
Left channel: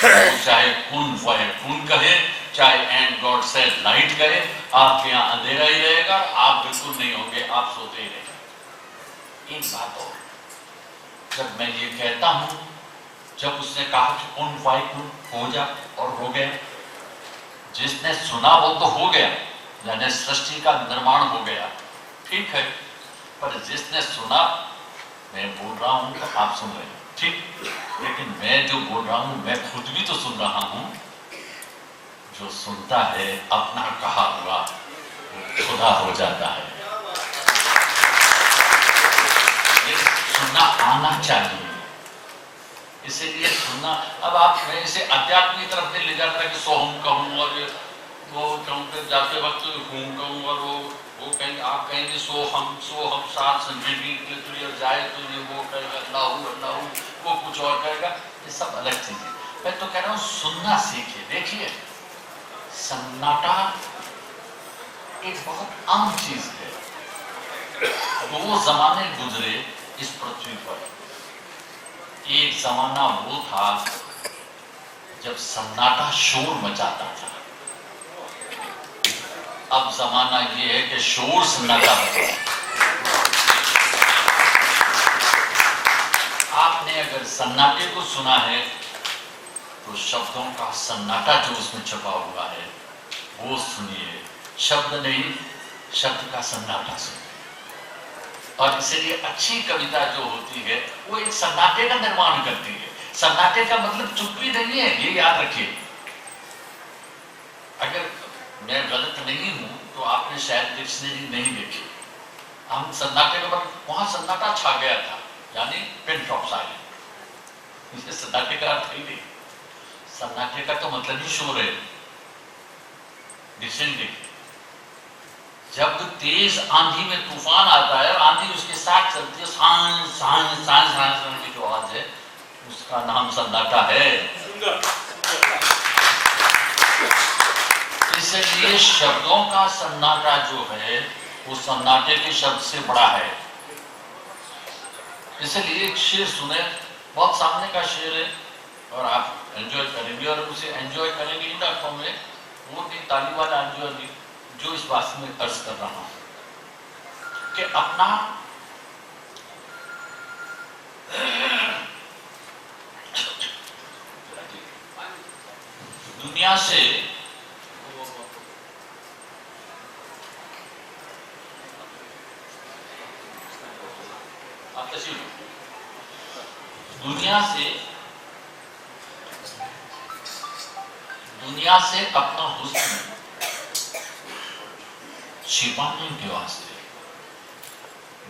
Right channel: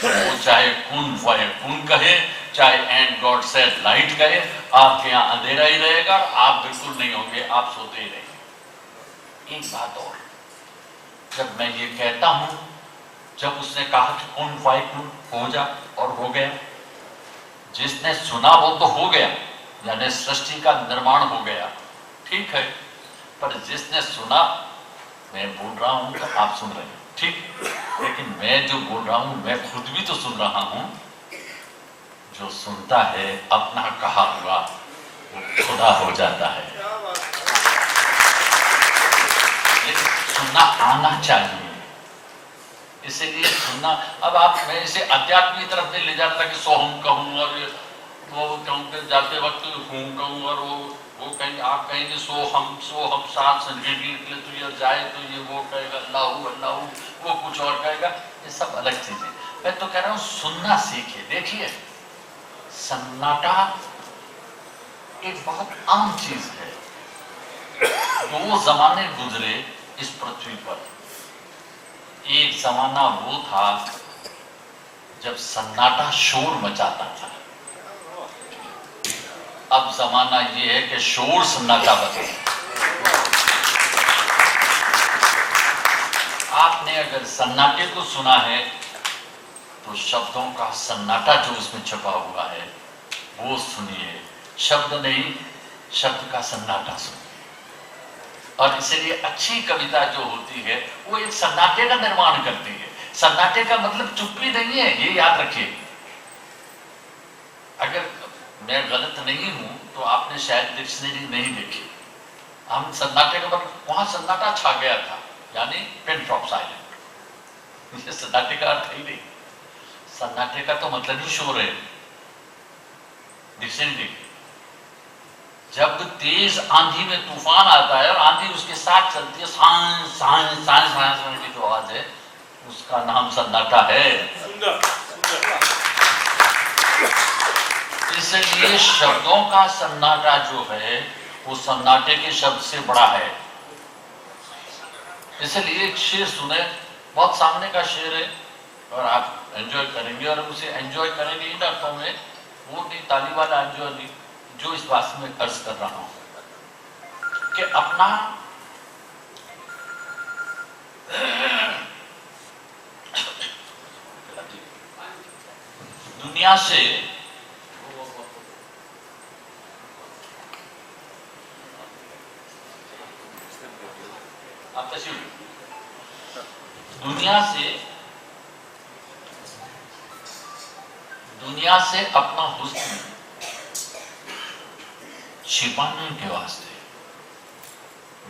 तो चाहे कुन फयकुन कहे, चाहे एंड गॉड सेड लाइट कहे, आपके यहाँ अंधेरा ही रहेगा, आप बिल्कुल नहीं होंगे, आप सोते ही रहेंगे। एक बात और, जब मैं ये कहता हूं, जब उसने कहा कि कुन फायकुन हो जा और हो गया, जिसने सुना वो तो हो गया, यानी सृष्टि का निर्माण हो गया, ठीक है। पर जिसने सुना, मैं बोल रहा हूं तो आप सुन रहे हैं, ठीक, लेकिन मैं जो बोल रहा हूं मैं खुद भी तो सुन रहा हूं। जो सुनता है अपना कहा हुआ वो खुदा हो जाता है। लेकिन सुनना आना चाहिए, इसीलिए सुनना। अब आप मैं इसे अध्यात्म की तरफ नहीं ले जाता कि सोहम कहूँ और वो कहूँ फिर जाते वक्त हूँ कहूँ और वो कहीं आप कहेंगे सोहम साथ संगीत तो ये जाए तो ये वो कहेगा अल्लाहू अल्लाहू, वो कुछ और कहेगा, ये सब अलग चीजें। मैं तो कह रहा हूँ सुनना सीखिए। देखिए सन्नाटा एक बहुत आम चीज है। दो जमाने गुजरे इस पृथ्वी पर। एक जमाना वो था जब सन्नाटा शोर मचाता था, अब जमाना ये है कि शोर सन्नाटा बचे। आपने अगर सन्नाटे को सुना है तो शब्दों का सन्नाटा जो उसमें छुपा हुआ है वो सुनिए। शब्द नहीं, शब्द का सन्नाटा सुनिए। और इसलिए अच्छी कविता जो होती है वो एक सन्नाटे का निर्माण करती है। सन्नाटे का मतलब चुप्पी नहीं है, ये याद रखिए। अगर मैं गलत नहीं हूं तो आपने शायद डिक्शनरी नहीं देखी। हम सन्नाटे का मतलब वहां सन्नाटा छा गया था, यानी पिन ड्रॉप साइलेंट। ये सन्नाटे का अर्थ ही नहीं। सन्नाटे का तो मतलब ही शोर है। डिक्शनरी देखिए, जब तेज आंधी में तूफान आता है और आंधी उसके साथ चलती है, सांस सांस सांस सांस की जो आवाज है उसका नाम सन्नाटा है। इसलिए शब्दों का सन्नाटा जो है वो सन्नाटे के शब्द से बड़ा है। इसलिए एक शेर सुने, बहुत सामने का शेर है और आप एंजॉय करेंगे और उसे एंजॉय करेंगे इन अर्थों में, वो नहीं ताली वाला एंजॉय नहीं, जो इस बात में अर्ज कर रहा हूं कि अपना दुनिया से आप कैसी दुनिया से अपना हुस्न छिपाने के वास्ते,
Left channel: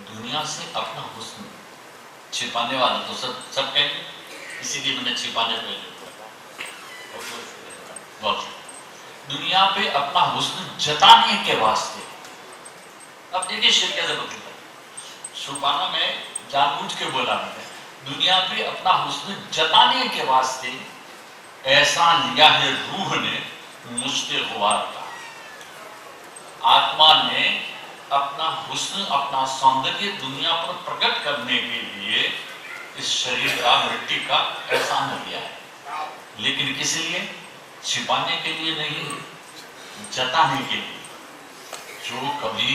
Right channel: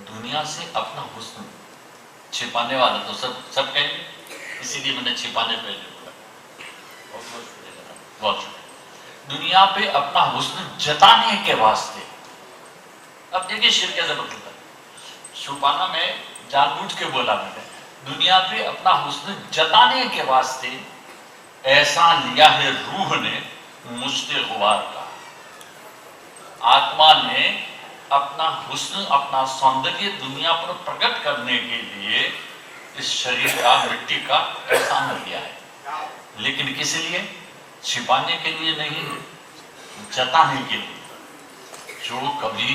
दुनिया से अपना हुस्न छिपाने वाला तो सब कहेंगे, इसीलिए मैंने छिपाने पे दुनिया पे अपना हुस्न जताने के वास्ते। अब देखिए शेर कैसे बदलता है। छुपाना में जानबूझ के बोला मैंने, दुनिया पे अपना हुस्न जताने के वास्ते ऐसा लिया है रूह ने मुझसे गुवार का। आत्मा ने अपना हुस्न, अपना सौंदर्य दुनिया पर प्रकट करने के लिए इस शरीर का, मिट्टी का एहसान लिया है। लेकिन किस लिए? छिपाने के लिए नहीं, जताने के लिए। जो कभी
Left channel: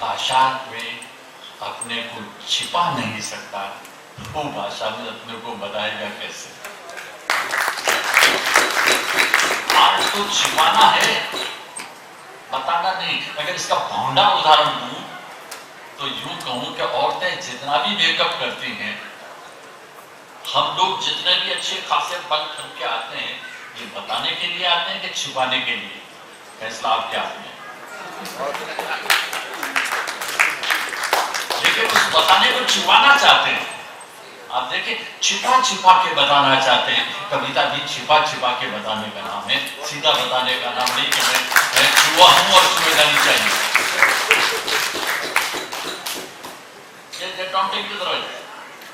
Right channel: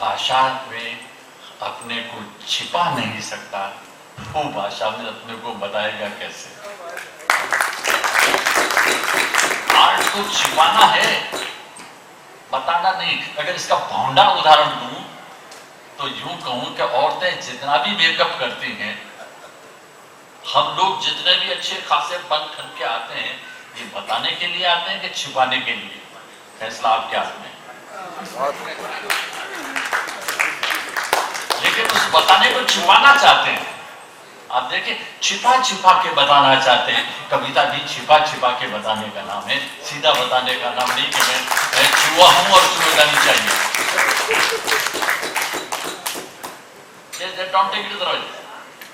भाषा में अपने को छिपा नहीं सकता, वो भाषा में अपने को बताएगा कैसे? आर्ट तो छिपाना है, बताना नहीं। अगर इसका भौंडा उदाहरण दूं तो यूं कहूं कि औरतें जितना भी मेकअप करती हैं, हम लोग जितने भी अच्छे खासे बन करके आते हैं, ये बताने के लिए आते हैं कि छुपाने के लिए? फैसला आपके हाथ में है। लेकिन उस बताने को छुपाना चाहते हैं। आप देखिए, छिपा छिपा के बताना चाहते हैं। कविता भी छिपा छिपा के बताने का नाम है, सीधा बताने का नाम नहीं कि मैं छुआ हूं और तुम्हें जानी चाहिए।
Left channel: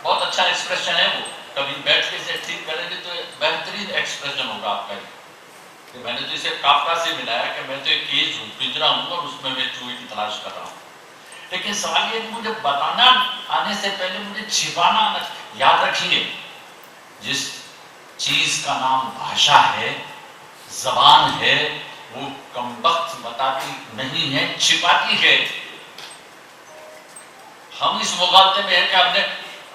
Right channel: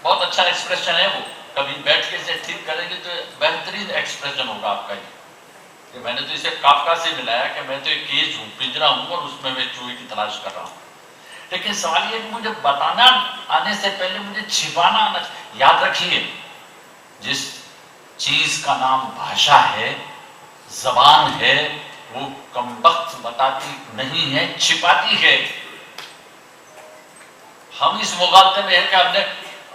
बहुत अच्छा एक्सप्रेशन है वो। कभी बैठ के इसे ठीक करेंगे तो बेहतरीन एक्सप्रेशन होगा आपका ये। कि मैंने तो इसे काफका से मिलाया कि मैं तो एक केज हूं, पिंजरा हूं और उसमें मैं चूहे की तलाश कर रहा हूं। लेकिन सवाल ये, मुझे बताना आने से पहले मुझे छिपाना आना। याद रखिए, जिस चीज का नाम भाषा है, जबान है, वो कमबख्त बताती नहीं है, छिपाती है। हम इस मुगालते में है कि हमने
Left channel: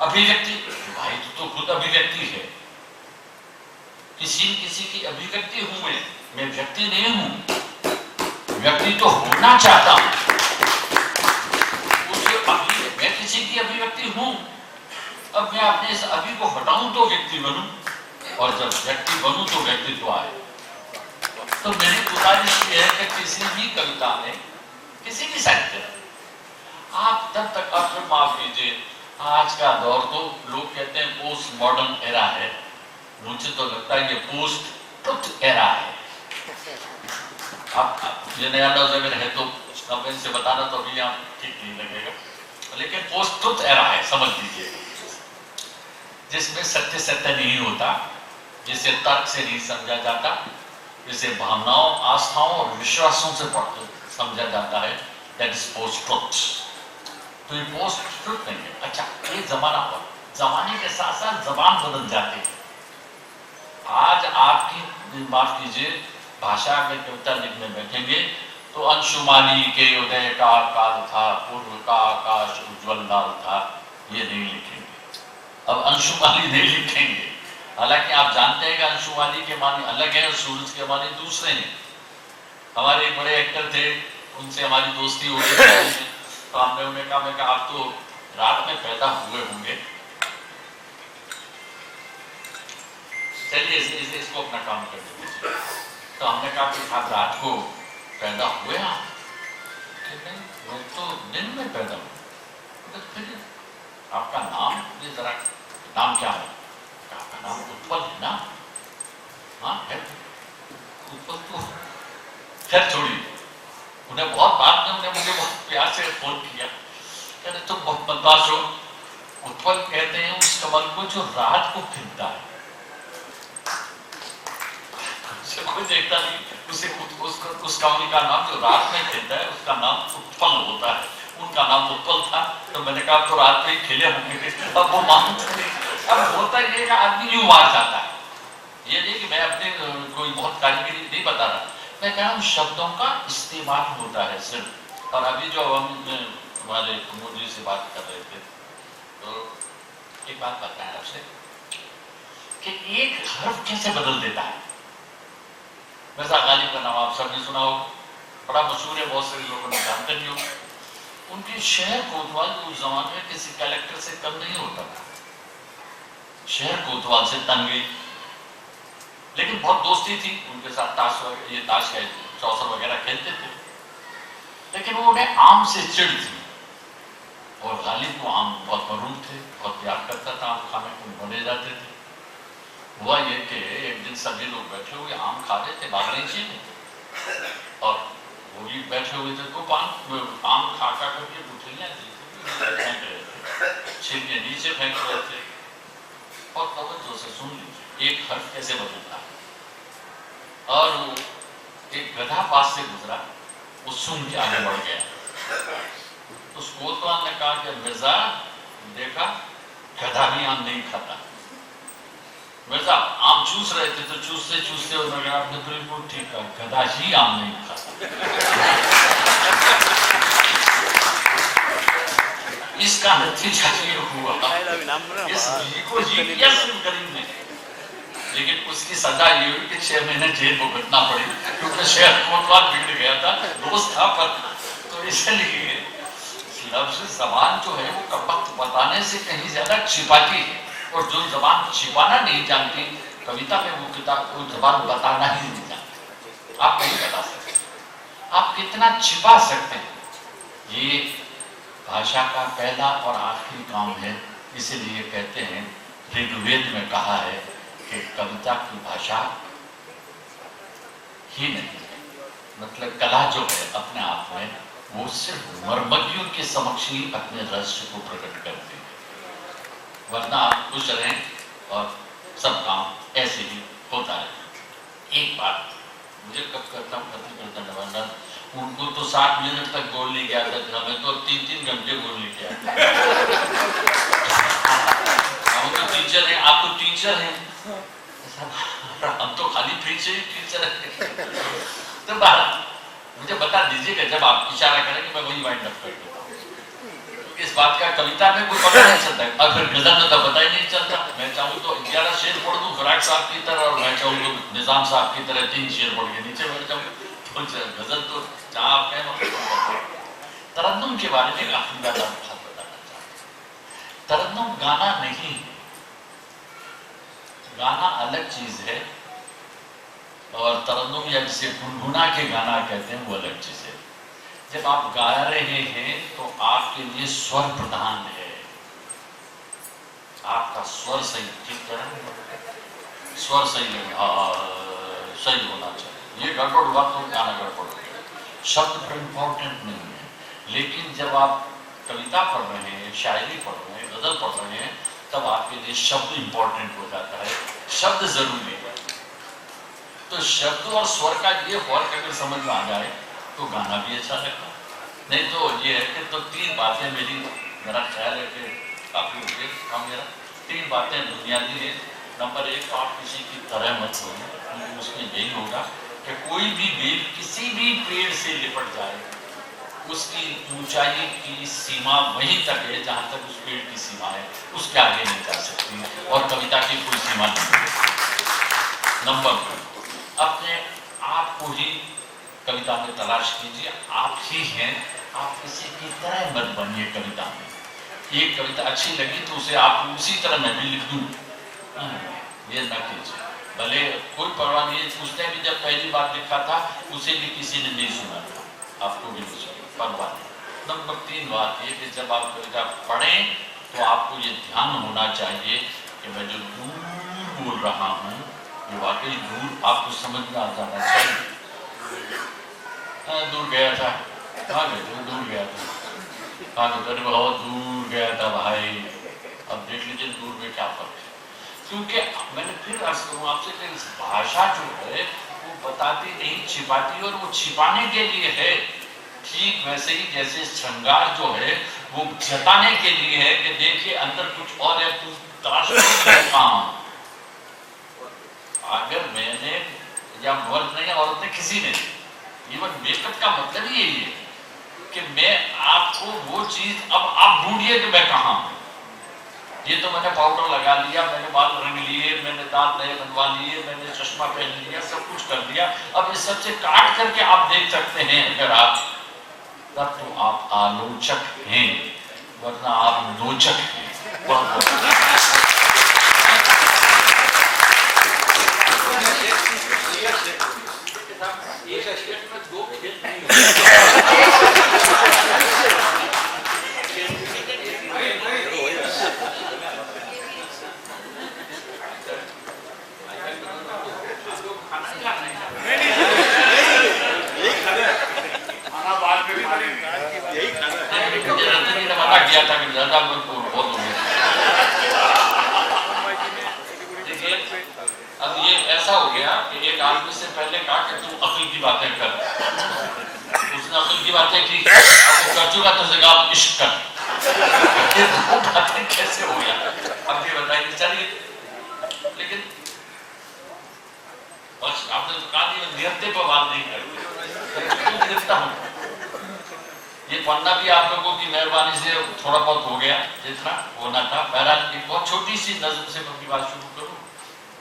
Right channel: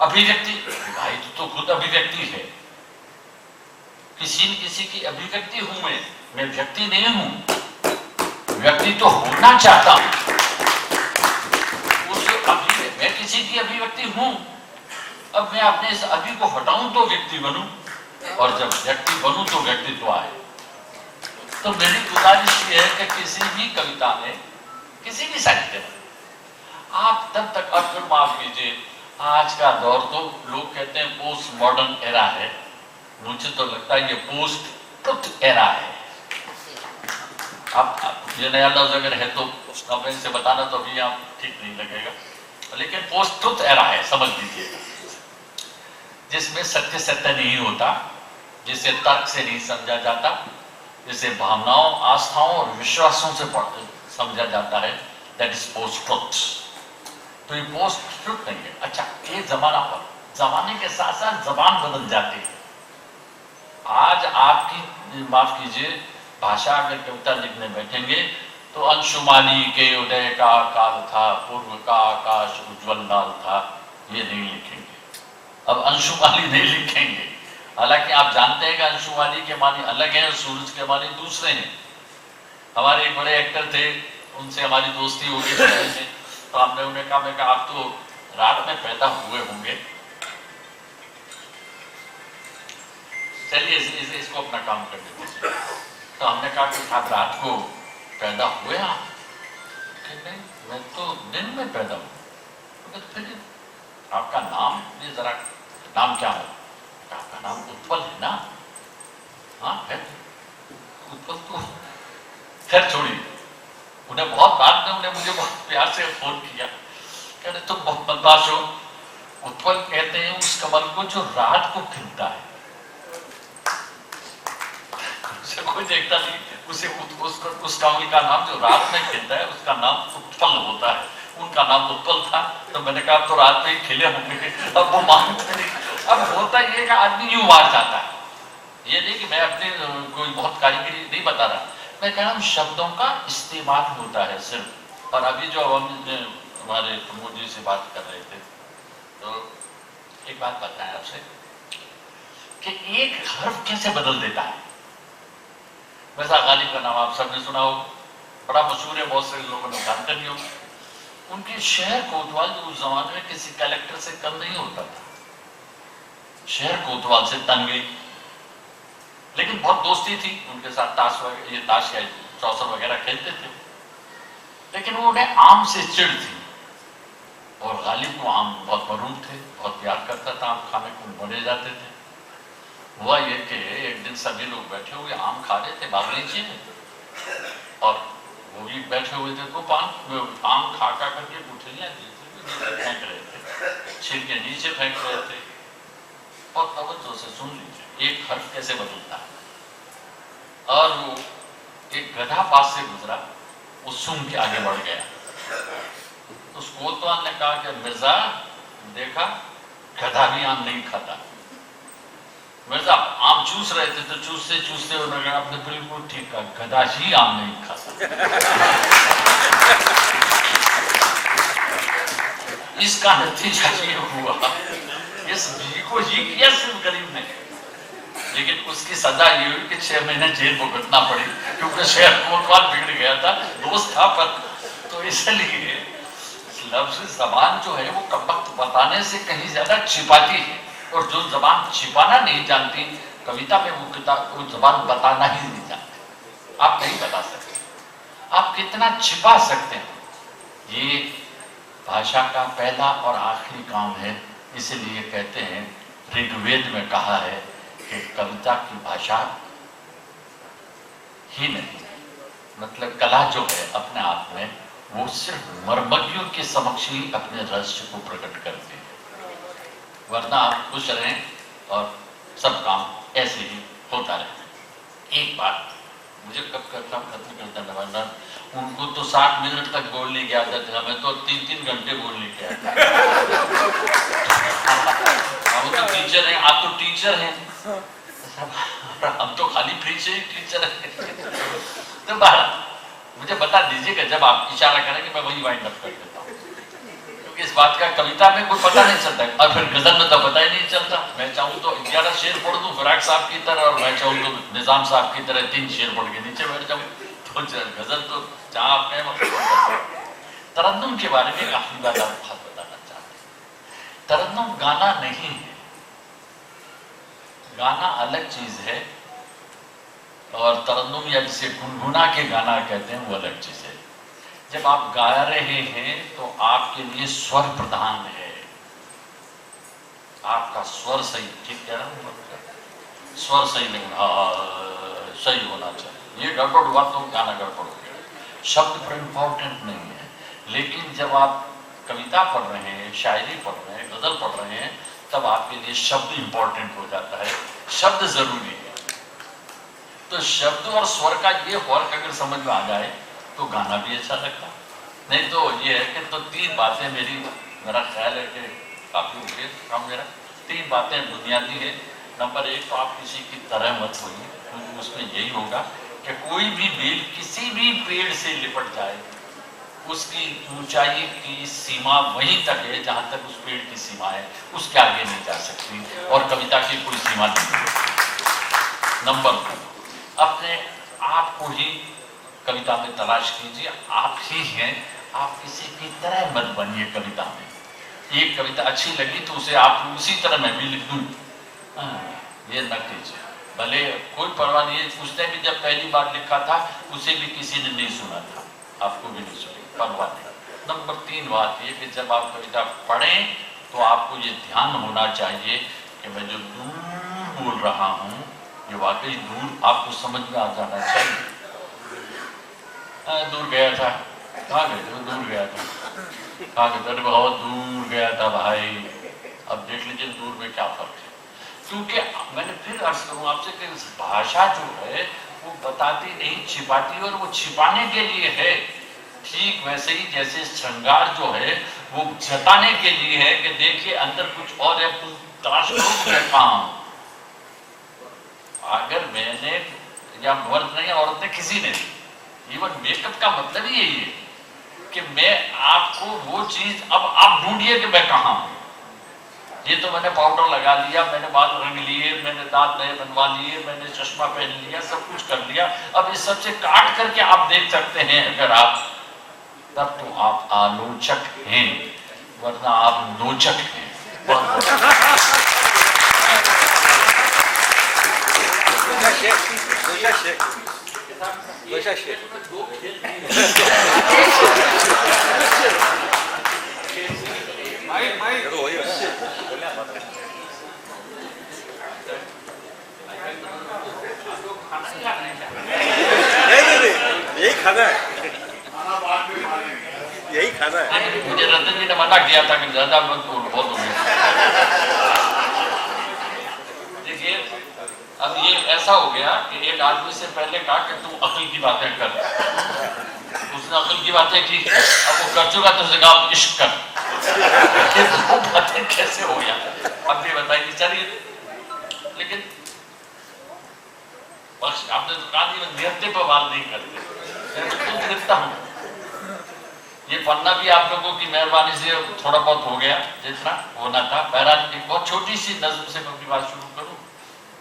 अभिव्यक्ति, भाई तो खुद अभिव्यक्ति है। किसी न किसी की अभिव्यक्ति हूं मैं व्यक्ति नहीं हूं। व्यक्ति तो होना चाहता हूं, मैं किसी की अभिव्यक्ति हूं। अब मैं अपने इस अभी को हटाऊं तो व्यक्ति बनूं, और जब व्यक्ति बनूं तो व्यक्तित्व आए। तो मेरी गुजारिश ये है कि किसी भी कविता में, किसी भी साहित्य में आप तब तक, अब फिर माफ कीजिए, आज का दौर तो लोग कहते हैं पोस्ट मॉडर्न एरा है। मुझे तो लगता है ये पोस्ट ट्रुथ एरा है। अब ये नया लफ्ज अगर है तो अब इनसे बताना तो अभी यहाँ ठीक नहीं लगेगा, लेकिन पोस्ट ट्रुथ एरा है, समझ लीजिएगा। जिसमें सत्य सत्य नहीं होता, जिसे तर्क से नहीं समझा जाता, जिसे भावनाओं, आस्थाओं और विश्वासों से समझा जाता है, दैट इज पोस्ट ट्रुथ। तो ये पोस्ट ट्रुथ नहीं है। अच्छा, ये जमाना पर, जमाने के साथ साथ जबान बदल जाती है। आज आपकी, माफ कीजिए, भाषा अगर कविता लिखने बैठेंगे तो अंशुमाली के उदय का काल था, पूर्व का आकाश उज्जवल लाल था, ये नहीं लिखेंगे। अब अंशुमाली नहीं लिखेंगे। हालांकि आप जानते हैं कि अंशुमाली के मानी अलग हैं और सूरज के मानी दूसरे हैं। हमारे एक बड़े एक्टर थे, उनसे हमारी दोस्ती हो गई, तो हमने उन्हें कहा, मैं कहा आप तो रात में पैदा हुए होंगे, चलिए इसको अपना काम करने दीजिए। तो हमने कहा कि आप रात को पैदा हुए आप? नहीं, मैं तो दिन में पैदा हूं। फिर आपका नाम, ये जरा नाम क्या है? आपका नाम उत्पल है ना? हाँ है, उत्पल तो खैर छोड़िए। उन्हें बहुत बाद में उन्हें मुझे बहुत प्यार से फोन किया, कहते तुम बहुत बदमाश हो। उत्पल कहते हैं उस कमल को जो रात को खिलता है। कोई देखता नहीं उसे, उस कमल का नाम जो रात में खिलता है उसका नाम उत्पल होता है। उनका नाम उत्पल था, तो मैंने कहा तो रात में ही खिले होंगे। अब वो मानते नहीं। अब होता ये कि आदमी यूं मार जाता है। ये नहीं कि मैं अपने कोई बहुत कारीगरी नहीं बता रहा, मैं कह रहा हूं शब्दों का इस्तेमाल होता है सिर्फ। और अभी जो हम हमारे प्रमोद जी से बात कर रहे थे, तो एक बात बताएं आपसे कि एक हर्फ कैसे बदल देता है। वैसा गालिब का नाम आप सबने सुना हो, बड़ा मशहूर है, बहुत सारे लोगों ने जानते नहीं हो। उनके शहर कोतवाल जो उस जमाने में किसी कलेक्टर से कम नहीं होता था, शहर कोतवाल से तंगी, लेकिन बहुत दोस्ती थी उनके साथ। ताश या चौसर वगैरह खेलते थे, लेकिन वो उन्हें आम से चिढ़ थी। और गालिब को आम बहुत मरूम थे, बहुत प्यार करता था, आम खाने को बने जाते थे। हुआ ये कि एक दिन सभी लोग बैठे हुए आम खा रहे थे बागीचे में, और वो भी बैठे हुए थे, तो आम खा करके गुठलियां फेंक रहे थे, छिलके नीचे फेंक रहे थे। और तवज्जो से सुन लीजिए, एक हर्फ कैसे बदलता है। और वो एक गधा पास से गुजरा, वो सुन भी आगे बढ़ गया। तो कोतवाल ने कहा कि मिर्जा देखा, गधा भी आम नहीं खाता। मिर्जा आम चूस रहे थे, तो चूसते चूसते उन्होंने कहा आपने बिल्कुल ठीक कहा, गधा ही आम नहीं खाता। इसका नतीजा ये हुआ, इस जी को जी किया सिर्फ गरीब ने, लेकिन उसकी सजा ये हुई कि 6 महीने जेल भुगतना पड़ी, क्योंकि शहर कोतवाल बिगड़ गया था, दोस्त था पर। तो इसलिए लफ्ज जबान जो है वो कमबख्त बताने से कहीं ज्यादा छिपाती है, और जो जबान छिपाना नहीं जानती कविता में वो किताब वो जबान बताना ही नहीं जानते, आप नहीं बता सकते। आप कितना छिपा सकते हैं, ये भाषा का पहला और आखिरी काम है। इसीलिए कहते हैं, ऋग्वेद में कहा है कि कविता की भाषा ही नहीं है, मतलब कला जो है अपने आप में वो सिर्फ मर्मज्ञों के समक्ष ही अपने रहस्य को प्रकट करते हैं, वरना आप खुश रहें और सब काम ऐसे ही होता है। एक बात मुझे कब करता खत्म करता नवाजा, उनको तो 60 मिनट तक बोलने की आदत है, हमें तो 3-3 घंटे बोलने की आदत है। हम तो टीचर हैं, आप तो टीचर हैं, हम तो खाली फ्री से टीचर हैं। तो बात मुझे बता दीजिए कि जब आप इशारा करें कि मैं वही वाइंड अप कर देता हूँ, क्योंकि इस बात का कविता में कोई पता नहीं चलता है, और फिर गजल में तो पता ही नहीं चलता। मैं चाहूँ तो 11 शेर पढ़ दूँ फिराक साहब की तरह, और मैं चाहूँ तो निजाम साहब की तरह 3 शेर पढ़ के नीचे बैठ जाऊँ, तो गजल तो जहाँ आप कहें। तरन्नुम के बारे में आखिरी बात आपको बताना चाहता हूँ। तरन्नुम गाना नहीं है, गाना अलग चीज है, और तरन्नुम या जिसे गुनगुना के गाना कहते हैं वो अलग चीज है। जब आप गा रहे हैं तो आपके लिए स्वर प्रधान है, आपका स्वर सही, ठीक है ना, स्वर सही नहीं, सही होना चाहिए। ये गड़बड़ हुआ तो गाना गड़बड़ हो गया। शब्द पर इम्पोर्टेंट नहीं है, लेकिन जब आप कविता पढ़ रहे हैं, शायरी पढ़ रहे हैं, गजल पढ़ रहे हैं, तब आपके लिए शब्द इम्पोर्टेंट हो जाता है, शब्द जरूरी है। तो शब्द और स्वर का ये फर्क अगर समझ में आ जाए तो गाना भी अच्छा लगता है। नहीं तो ये है कि तो 3 बातें मेरा ख्याल है कि काफी हो गए काम मेरा। 3 बातें बुनियादी है। नंबर 1 तो आप किसी की तरह मत होइए, क्योंकि उसमें यही होगा कि कोई भी बेल किसी भी पेड़ से लिपट जाए, उसकी ऊंचाई की सीमा वहीं तक है जहां तक उस पेड़ की सीमा है, उसके आगे नहीं जा सकती, और कविता की कोई सीमा नहीं है। नंबर 2, अपने आप को ही कविता में तलाश कीजिए, आप ही हैं, आप किसी की तरह मत बनिए कविता में। एक कविता अच्छी लगी तो उसे आप उसी तरह मैं भी लिख दूं, ये न कीजिए। भले कोई परवाह नहीं है, उसने भी जब पहली बार लिखा था उसे भी किसी ने नहीं सुना था, आपको भी नहीं सुनी, परवाह नहीं। नंबर 3 बात ये कि जब आप कविता पढ़ें तो आपको ये ध्यान होना चाहिए कि मैं जो दूर बोल रहा हूँ ये वाकई दूर आपको समझ में आ जाना चाहिए। दूर गया था, कहाँ गए थे? दूर गया था, कहाँ गए थे? बहुत दूर गया था भाई। अब देख लीजिए दूर में क्या फर्क है, क्योंकि मैंने फिर अर्ज करूँ आपसे कि भाषा जो है वो बताती नहीं, छिपाती, और वो छिपाने के लिए है। ठीक वैसे ही जैसे श्रृंगार जो है वो जताने के लिए है कि देखिए अंदर कुछ और है, तलाश करता हूं। अगर मैंने या मर्द नहीं औरत ने किसी ने, इवन मेकअप का मतलब ही यही है कि मैं आपको वो चीज, अब आप ढूंढिए कि मैं कहाँ हूं। ये तो मैंने पाउडर लगा लिया, मैंने बाल रंग लिए, मैंने दांत नए बनवा लिए, मैंने चश्मा पहन लिया, सब कुछ कर दिया। अब इस सबसे काट करके आप देख सकते हैं अगर आप, तब तो आप आलोचक हैं, वरना आप नोचक हैं। यही खाना है। मुझे रतन जी ने मना किया था कि ज्यादा बहुत हो गया। देखिए अब ये ऐसा हो गया कि एक आदमी से पहले कहा कि तू अक्ल की बातें कर, उसने अक्ल की बातें की, अब वो कर चुका तो जगह इश्क कर। ये दो बातें कैसे हो गया? अब ये बताइए। चलिए, लेकिन बस आपने तो कहा नहीं, नियते पर बात नहीं करते, मैं लिखता हूँ। ये पन्ना भी आप लोगों की मेहरबानी से थोड़ा बहुत हो गया जितना होना था। बहरहाल एक बहुत छोटी सी नज़र से मैं अपनी बात शुरू करूँ,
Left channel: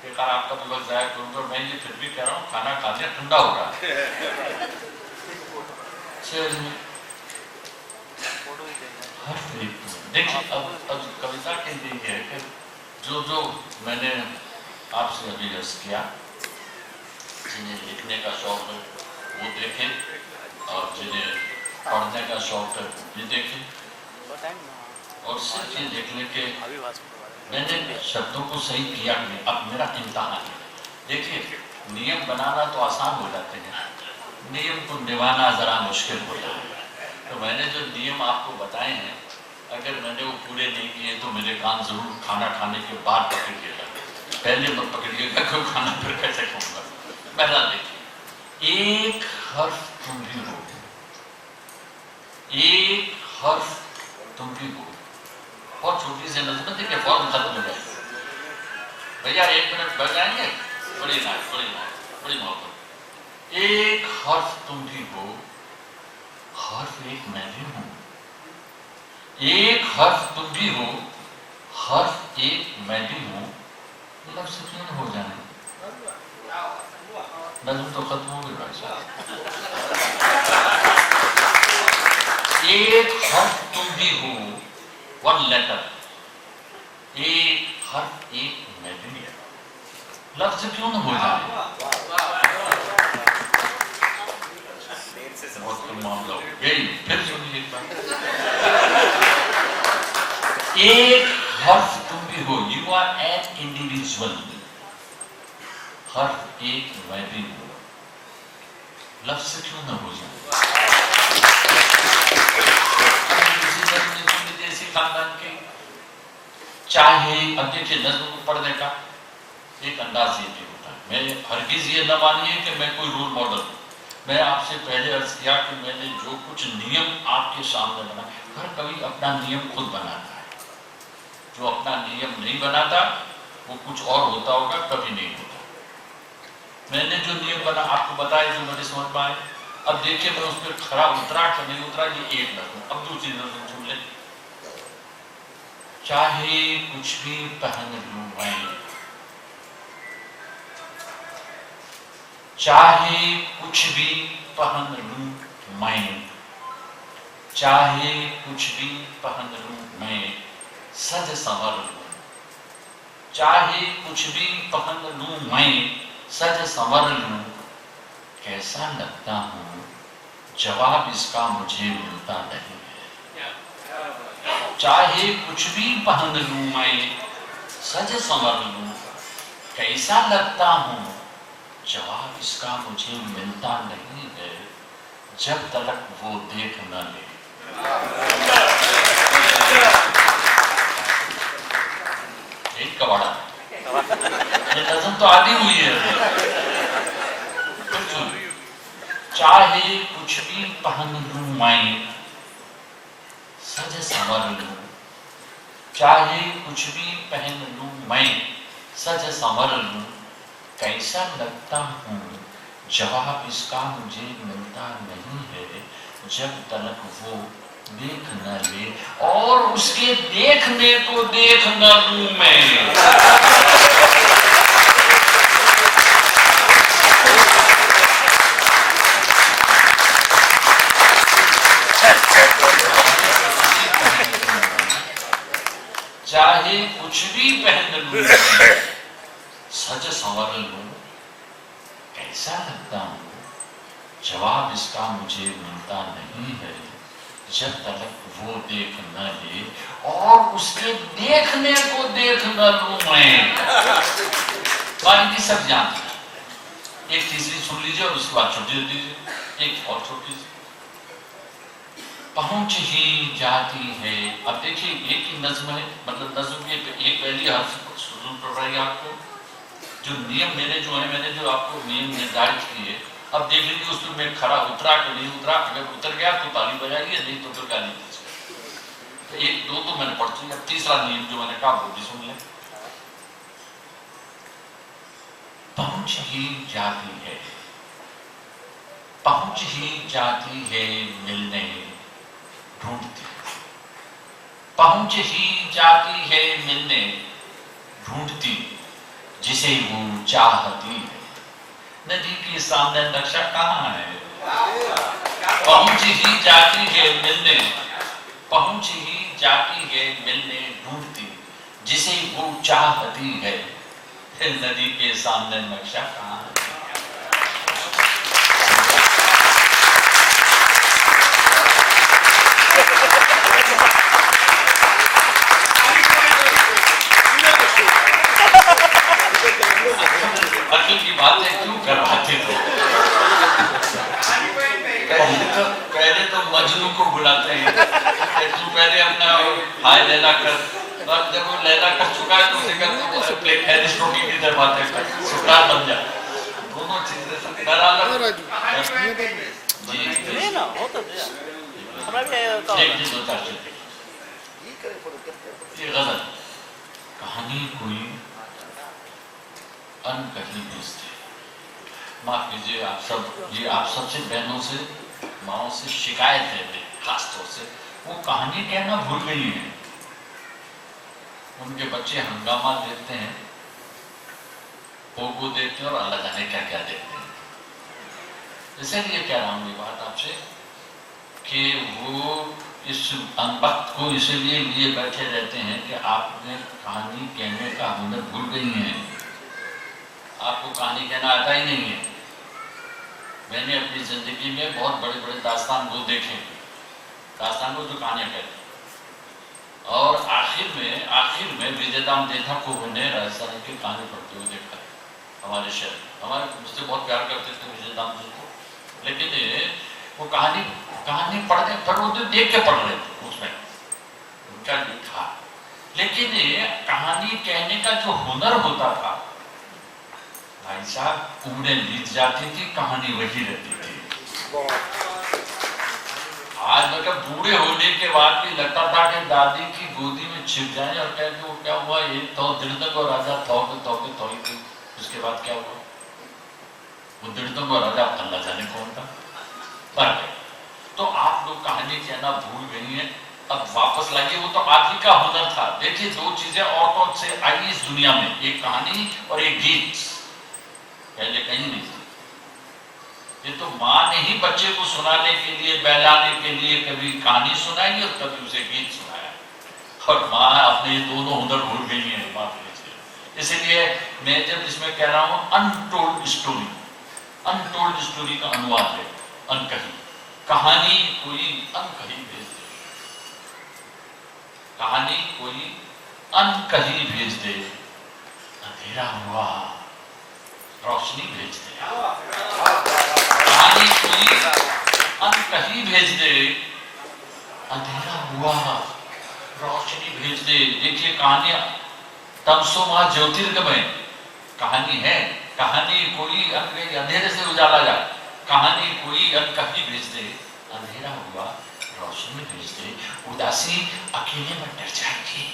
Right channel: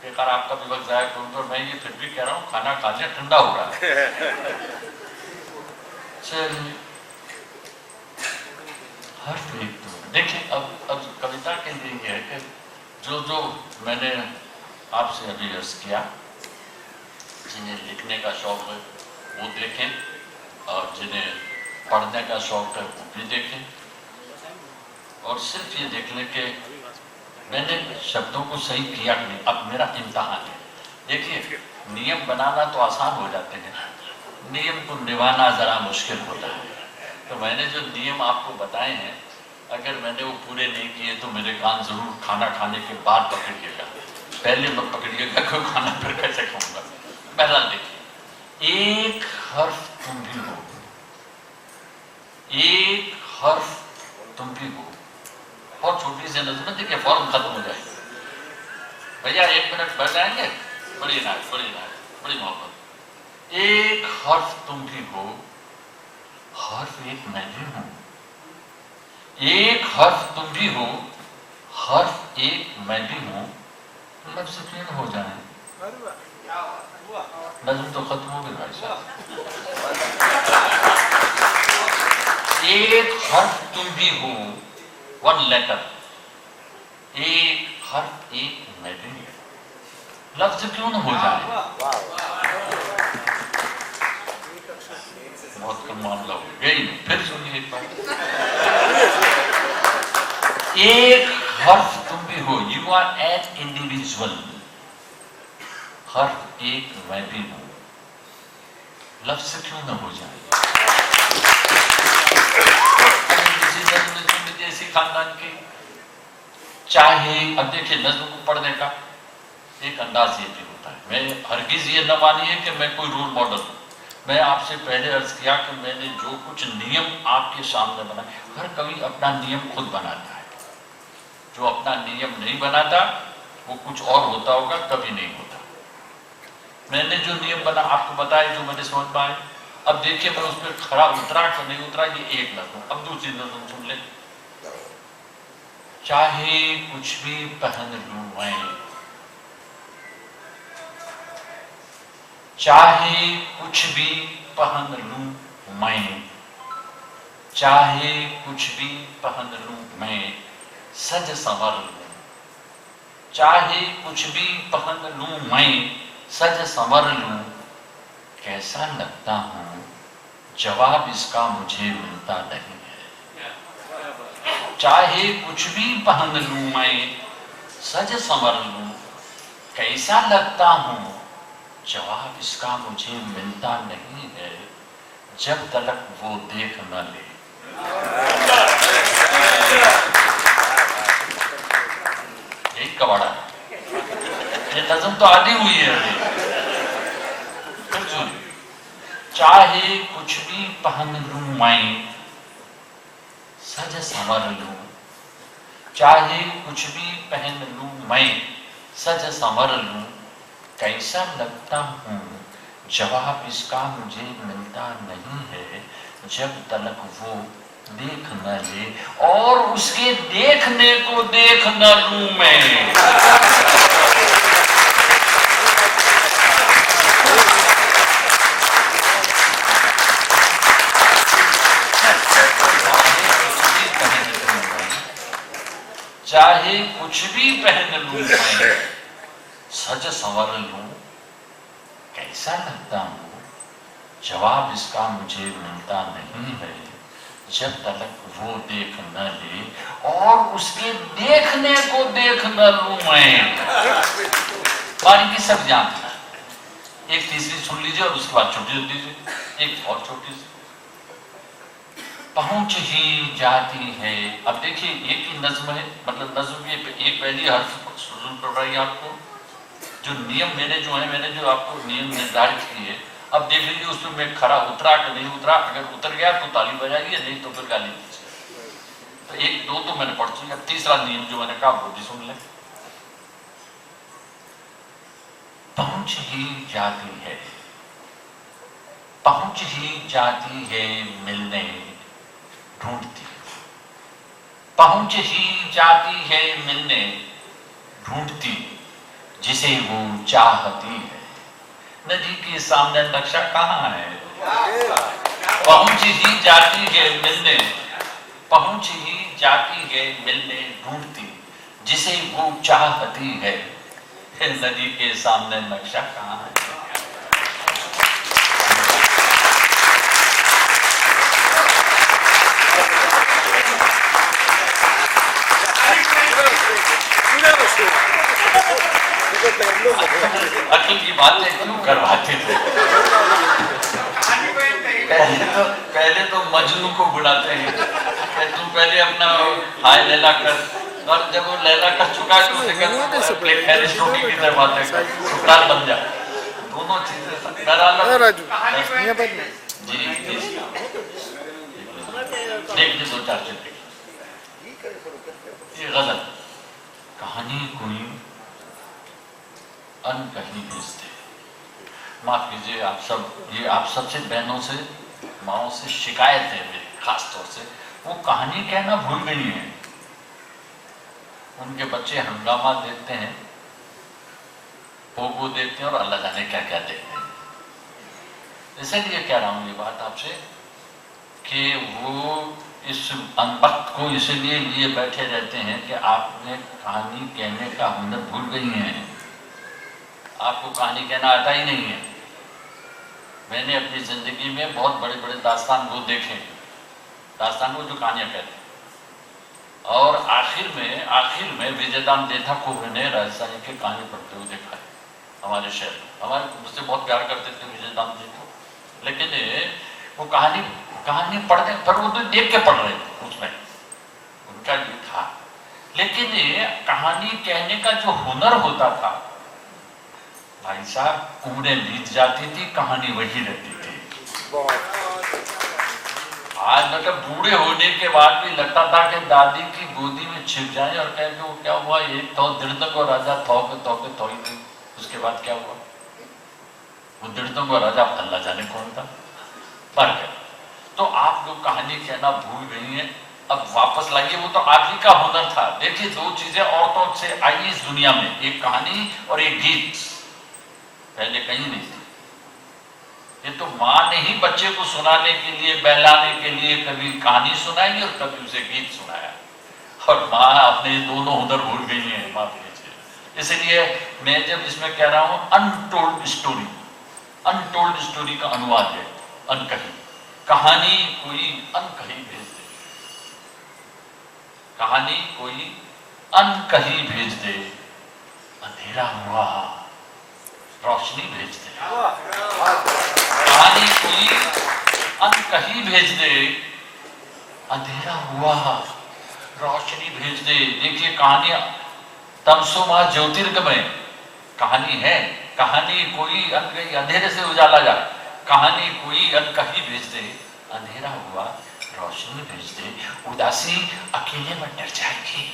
बेकार आपका भी वक्त जाया करूँ, तो मैं ये फिर भी कह रहा हूँ खाना खा लिया, ठंडा हो रहा है। चलिए हर एक देखिए, अब कविता के लिए है कि जो मैंने आपसे अभी अर्ज किया, जिन्हें लिखने का शौक है वो देखें, और जिन्हें पढ़ने का शौक है वो भी देखें। और सिर्फ ये देख लें कि मैंने शब्दों को सही किया नहीं, अब मेरा इम्तहान है। देखिए, नियम बनाना तो आसान हो जाते हैं, नियम को निभाना जरा मुश्किल होता है। तो मैंने जो नियम आपको बताए हैं, अगर मैंने वो पूरे नहीं किए तो मेरे कान जरूर खाना खाने के बाद पकड़िएगा, पहले मत पकड़िएगा क्यों खाना फिर कैसे खाऊंगा। पहला देखिए, एक हर्फ तुम भी हो, एक हर्फ तुम भी हो। बहुत छोटी सी नज़म है, देखिए फौरन खत्म हो जाएगी। भैया 1 मिनट बैठ जाएंगे, बड़ी नाइस, बड़ी नाइस, बड़ी मोहब्बत। एक हर्फ तुम भी हो, हर्फ एक मैं भी हूं। एक हर्फ तुम भी हो, हर्फ एक मैं भी हूं। लफ्ज़ क्यों हो जाए, नज़म तो खत्म हो गई भाई साहब। एक हर्फ तुम भी हो, 1 लेटर, एक हर्फ एक मैं भी हूं। लफ्ज़ क्यों न हो जाए, बहुत कम मामला हो गया। फिर सुनिए एक बार, एक हर्फ तुम भी हो, यू आर एन इंडिविजुअल, हर्फ एक मैं भी हूं। लफ्ज़ क्यों न हो जाए। देसी खानदान के चाहे, अब देखिए नज़्म को पढ़ने का एक अंदाज ये भी होता है। मैं हरगिज ये न मानिए कि मैं कोई रोल मॉडल हूँ। मैं आपसे पहले अर्ज किया कि मैंने जो कुछ नियम आपके सामने बनाए, हर कवि अपना नियम खुद बनाता है। जो अपना नियम नहीं बनाता वो कुछ और होता होगा, कभी नहीं होता। मैंने जो नियम बना आपको बताया, जो मैंने समझ पाए। अब देखिए मैं उस पर खरा उतरा कि नहीं उतरा, ये एक नज़म। अब दूसरी नज़म सुन ले, चाहे कुछ भी पहन लूं मैं, चाहे कुछ भी पहन लूं मैं, चाहे कुछ भी पहन लूं मैं, सज संवर लूं। चाहे कुछ भी पहन लूं मैं, सज संवर लूं, कैसा लगता हूं, जवाब इसका मुझे मिलता नहीं है। चाहे कुछ भी पहन लूं मैं, सज संवर लूं, कैसा लगता हूं, जवाब इसका मुझे मिलता नहीं है, जब तक वो देख न ले। यही कवाड़ा, ये नज़म तो आधी हुई है। चाहे कुछ भी पहन लूं मैं, सज संवर लूं, चाहे कुछ भी पहन लूं मैं, सज संवर लूं, कैसा लगता हूं, जवाब इसका मुझे मिलता नहीं है, जब तक वो देख न ले, और उसके देखने को देख न लूं मैं। चाहे कुछ भी पहन लूं मैं, सज संवर लूं, कैसा लगता हूं, जवाब इसका मुझे मिलता नहीं है, जब तक वो देख न ले, और उसके देखने को देख न लूं मैं। बाकी सब जानते हैं। एक तीसरी सुन लीजिए और उसके बाद छोटी दीजिए, एक और छोटी सी। पहुंच ही जाती है, अब देखिए एक ही नज्म है, मतलब नज्म ये एक पहली हर्फ सुन पड़ रही है आपको। जो नियम मैंने जो आपको नियम निर्धारित किए, अब देख लीजिए उसमें मैं खरा उतरा कि नहीं उतरा। अगर उतर गया तो ताली बजाइए, नहीं तो फिर गाली दीजिए। तो 1 2 तो मैंने पढ़ चुका, तीसरा नियम जो मैंने कहा वो भी सुन लें। पहुंच ही जाती है, पहुंच ही जाती है मिलने ढूंढती, पहुंच ही जाती है मिलने ढूंढती, जिसे वो चाहती है। नदी के सामने नक्शा कहाँ है? पहुंच ही जाती है मिलने, पहुंच ही जाती है मिलने ढूंढती, जिसे वो चाहती है। नदी के सामने नक्शा कहाँ है? अकल की बातें क्यों करवाते थे? पहले तो मजनू को बुलाते हैं, तू पहले अपना हाय लैला कर, अब जब वो लैला कर चुका है तो उसे रोटी की तरह बातें कर, सुल्तान बन जा। दोनों चीजें दो चार चीजें ये गलत कहानी कोई अनकही भेजते। माफ कीजिए आप सब, ये आप सबसे बहनों से माओ से शिकायत है मेरी खास तौर से, वो कहानी कहना भूल गई है। उनके बच्चे हंगामा देखते हैं, पोगो देखते हैं और अल्लाह जाने क्या क्या देखते हैं। इसलिए कह रहा हूं ये बात आपसे कि वो इस अनपढ़ को इसलिए लिए बैठे रहते हैं कि आपने कहानी कहने का हुनर भूल गई है। आपको कहानी कहना आता ही नहीं है। मैंने अपनी जिंदगी में बहुत बड़े बड़े दास्तान गो देखे, दास्तान गो जो कहानियां कहते हैं, और आखिर में विजयदाम देथा को मैंने राजस्थानी की कहानी पढ़ते हुए देखा है। हमारे शहर हमारे मुझसे बहुत प्यार करते थे विजयदाम जी को, लेकिन वो कहानी पढ़ते पर वो तो देख के पढ़ रहे थे, उसमें उनका भी था। लेकिन कहानी कहने का जो हुनर होता था भाई साहब, उम्रें बीत जाती थी, कहानी वही रहती थी। आज मतलब बूढ़े होने के बाद भी लगता था कि दादी की गोदी में छिप जाए और कह के वो क्या हुआ, एक तो दिर्दक और राजा थोई थी, उसके बाद क्या हुआ? वो दिर्दक और राजा अल्लाह जाने कौन था, मर गए। तो आप लोग कहानी कहना भूल गई हैं, अब वापस लाइए। वो तो आप ही का हुनर था। देखिए दो चीजें औरतों से आई इस दुनिया में, एक कहानी और एक गीत, पहले कहीं नहीं थी। ये तो माँ ने ही बच्चे को सुनाने के लिए, बहलाने के लिए कभी कहानी सुनाई और कभी उसे गीत सुनाया, और माँ अपने दोनों हुनर भूल गई है, माफ कीजिए। इसलिए मैं जब इसमें कह रहा हूं अनटोल्ड स्टोरी, अनटोल्ड स्टोरी का अनुवाद है अनकही। कहानी कोई अनकही भेज दे, कहानी कोई अनकही भेज दे, अंधेरा हुआ रोशनी भेज दे। कहानी कोई अनकही भेज दे, अंधेरा हुआ रोशनी भेज दे। देखिए कहानी तमसो मां ज्योतिर्गमय कहानी है। कहानी कोई अनकही, अंधेरे से उजाला जा, कहानी कोई अनकही भेज दे, अंधेरा हुआ रोशनी भेज दे। उदासी अकेले में डर जाएगी,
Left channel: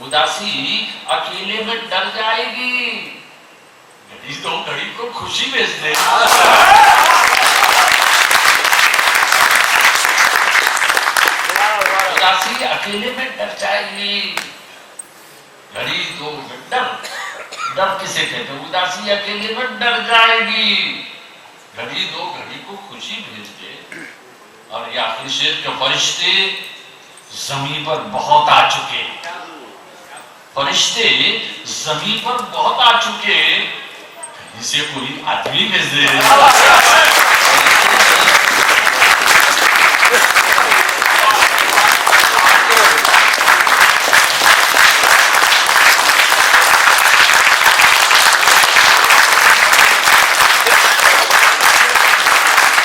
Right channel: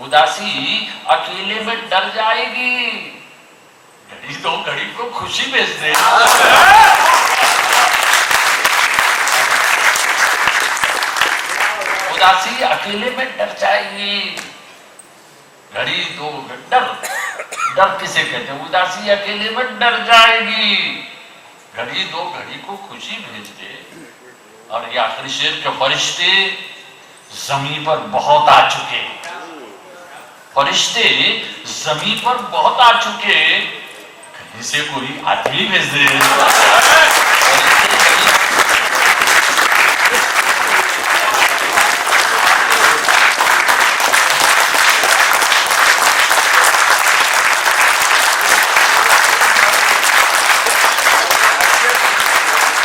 उदासी अकेले में डर जाएगी, घड़ी तो घड़ी को खुशी भेज दे। उदासी अकेले में डर जाएगी, घड़ी तो डर किसे कहते हैं? उदासी अकेले में डर जाएगी, घड़ी दो घड़ी को खुशी भेज दे। और ये आखिरी शेर के फरिश्ते जमीन पर बहुत आ चुके, फरिश्ते जमीन पर बहुत आ चुके, कहीं से कोई आदमी भेज दे।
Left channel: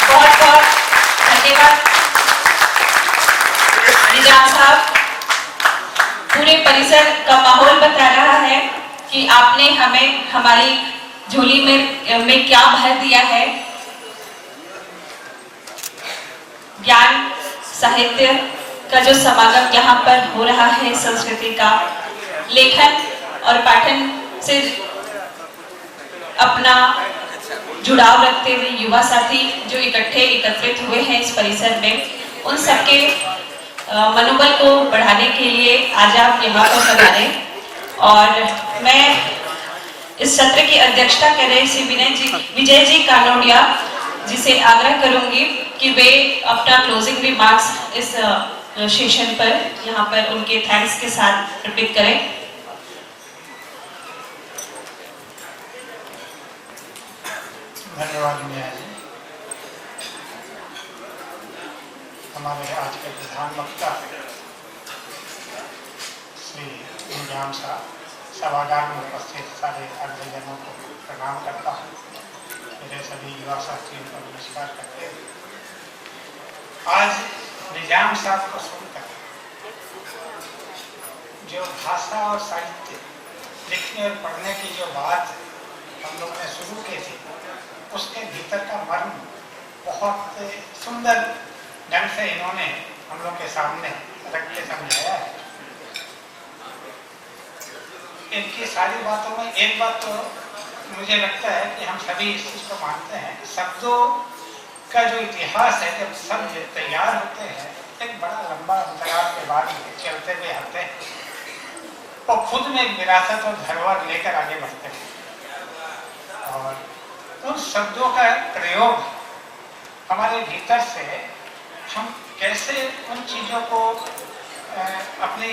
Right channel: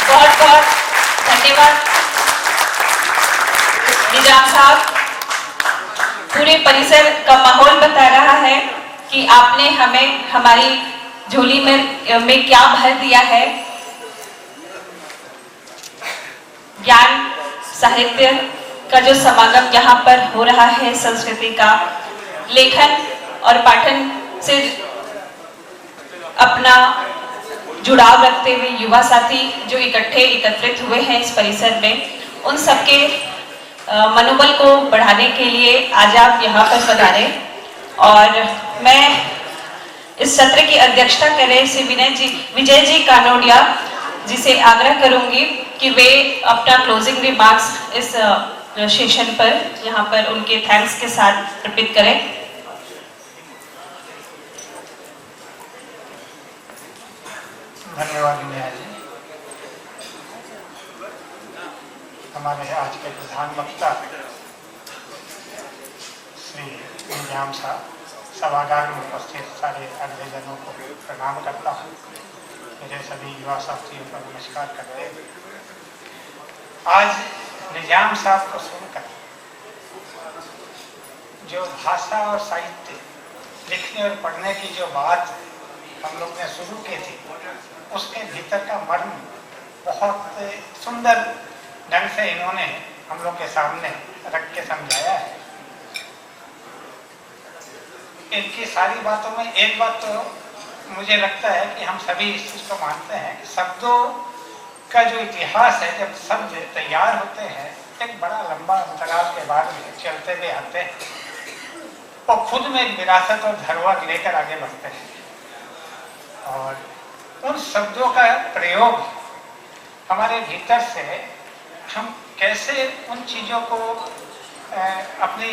बहुत बहुत धन्यवाद निजाम साहब। पूरे परिसर का माहौल बता रहा है कि आपने हमें हमारी झोली में क्या भर दिया है। ज्ञान साहित्य का जो समागम यहाँ पर हो रहा है, संस्कृति का लेखन और पाठन से अपना जुड़ाव रखते हुए युवा साथी जो एकत्रित हुए हैं इस परिसर में, उन सबके मनोबल को बढ़ाने के लिए आज आप यहाँ पर पधारे। और मैं इस सत्र की अध्यक्षता कर रहे श्री विजय जी कानोडिया जी से आग्रह करूंगी कि वे अपना क्लोजिंग रिमार्क्स इस सेशन पर यहाँ पर उनके थैंक्स के साथ अर्पित करें। धन्यवाद मिया जी। हमारे आज के प्रधान वक्ता श्री निजाम साहब, सभागार में उपस्थित सारे अग्रजनों को प्रणाम करता हूँ। मेरे सभी युवा साथियों को नमस्कार करते हैं। आज निजाम साहब को सुनकर जो भाषा और साहित्य लिखने और पढ़ने की जो बात हम लोग ने शुरू की थी, उसके भीतर का मर्म बहुत सुंदर ढंग से इन्होंने हम लोग के सामने रख के समझाया है। इनकी सारी बातों में एक बात तो मुझे लगता है कि हम सभी इस चीज को मानते हैं, शब्दों का जो इतिहास है, जब शब्द तैयार होते हैं एक बड़ा लंबा अंतराल के बाद में चलते हुए आते हैं और खुद में एक विरासत और धरोहर लेकर आगे बढ़ते हैं। और उन शब्दों का प्रयोग हमारे भीतर से हम कैसे उन चीज़ों को अपनी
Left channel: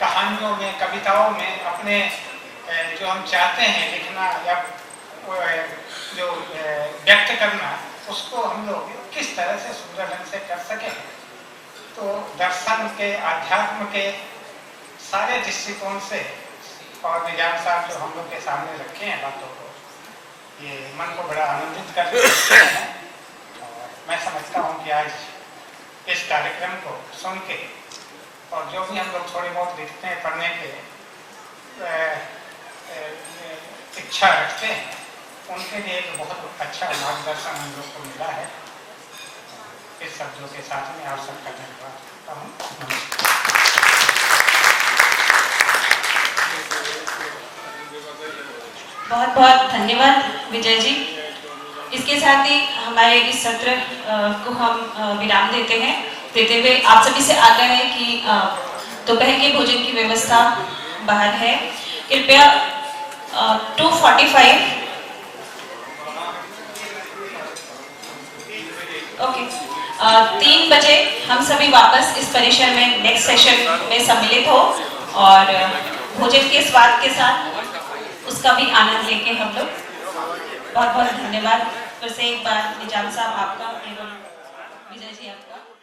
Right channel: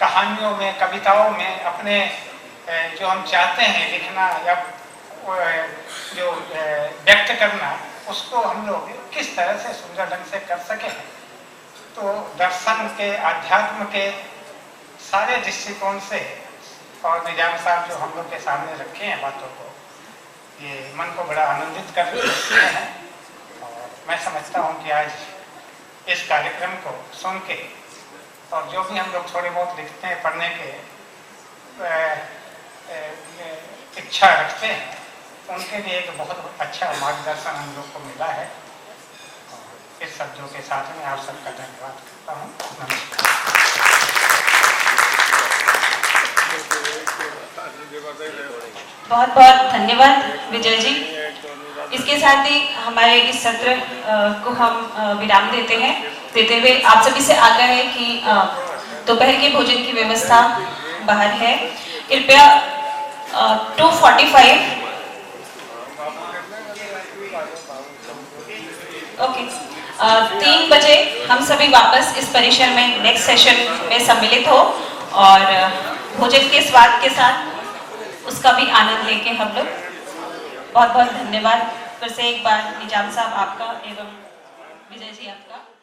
कहानियों में, कविताओं में, अपने जो हम चाहते हैं लिखना या जो व्यक्त करना, उसको हम लोग किस तरह से सुंदर ढंग से कर सकें। तो दर्शन के, अध्यात्म के सारे दृष्टिकोण से और निजाम साहब जो हम लोग के सामने रखे हैं बातों को, ये मन को बड़ा आनंदित कर रहे हैं। और मैं समझता हूँ कि आज इस कार्यक्रम को सुन के और जो भी हम लोग थोड़ी बहुत लिखते हैं, पढ़ने के इच्छा रखते हैं, उनके लिए एक बहुत अच्छा मार्गदर्शन हम लोग को मिला है। इस शब्दों के साथ में आप सबका धन्यवाद करता हूँ। नमस्कार। बहुत बहुत धन्यवाद विजय जी। इसके साथ ही हमारे इस सत्र को हम विराम देते हुए आप सभी से आग्रह है कि दोपहर के भोजन की व्यवस्था बाहर है। कृपया 2:45 ओके 3 बजे हम सभी वापस इस परिसर में नेक्स्ट सेशन में सम्मिलित हो और भोजन के स्वाद के साथ उसका भी आनंद लेके हम लोग। बहुत बहुत धन्यवाद फिर से एक बार निजाम साहब आपका एवं विजय जी आपका।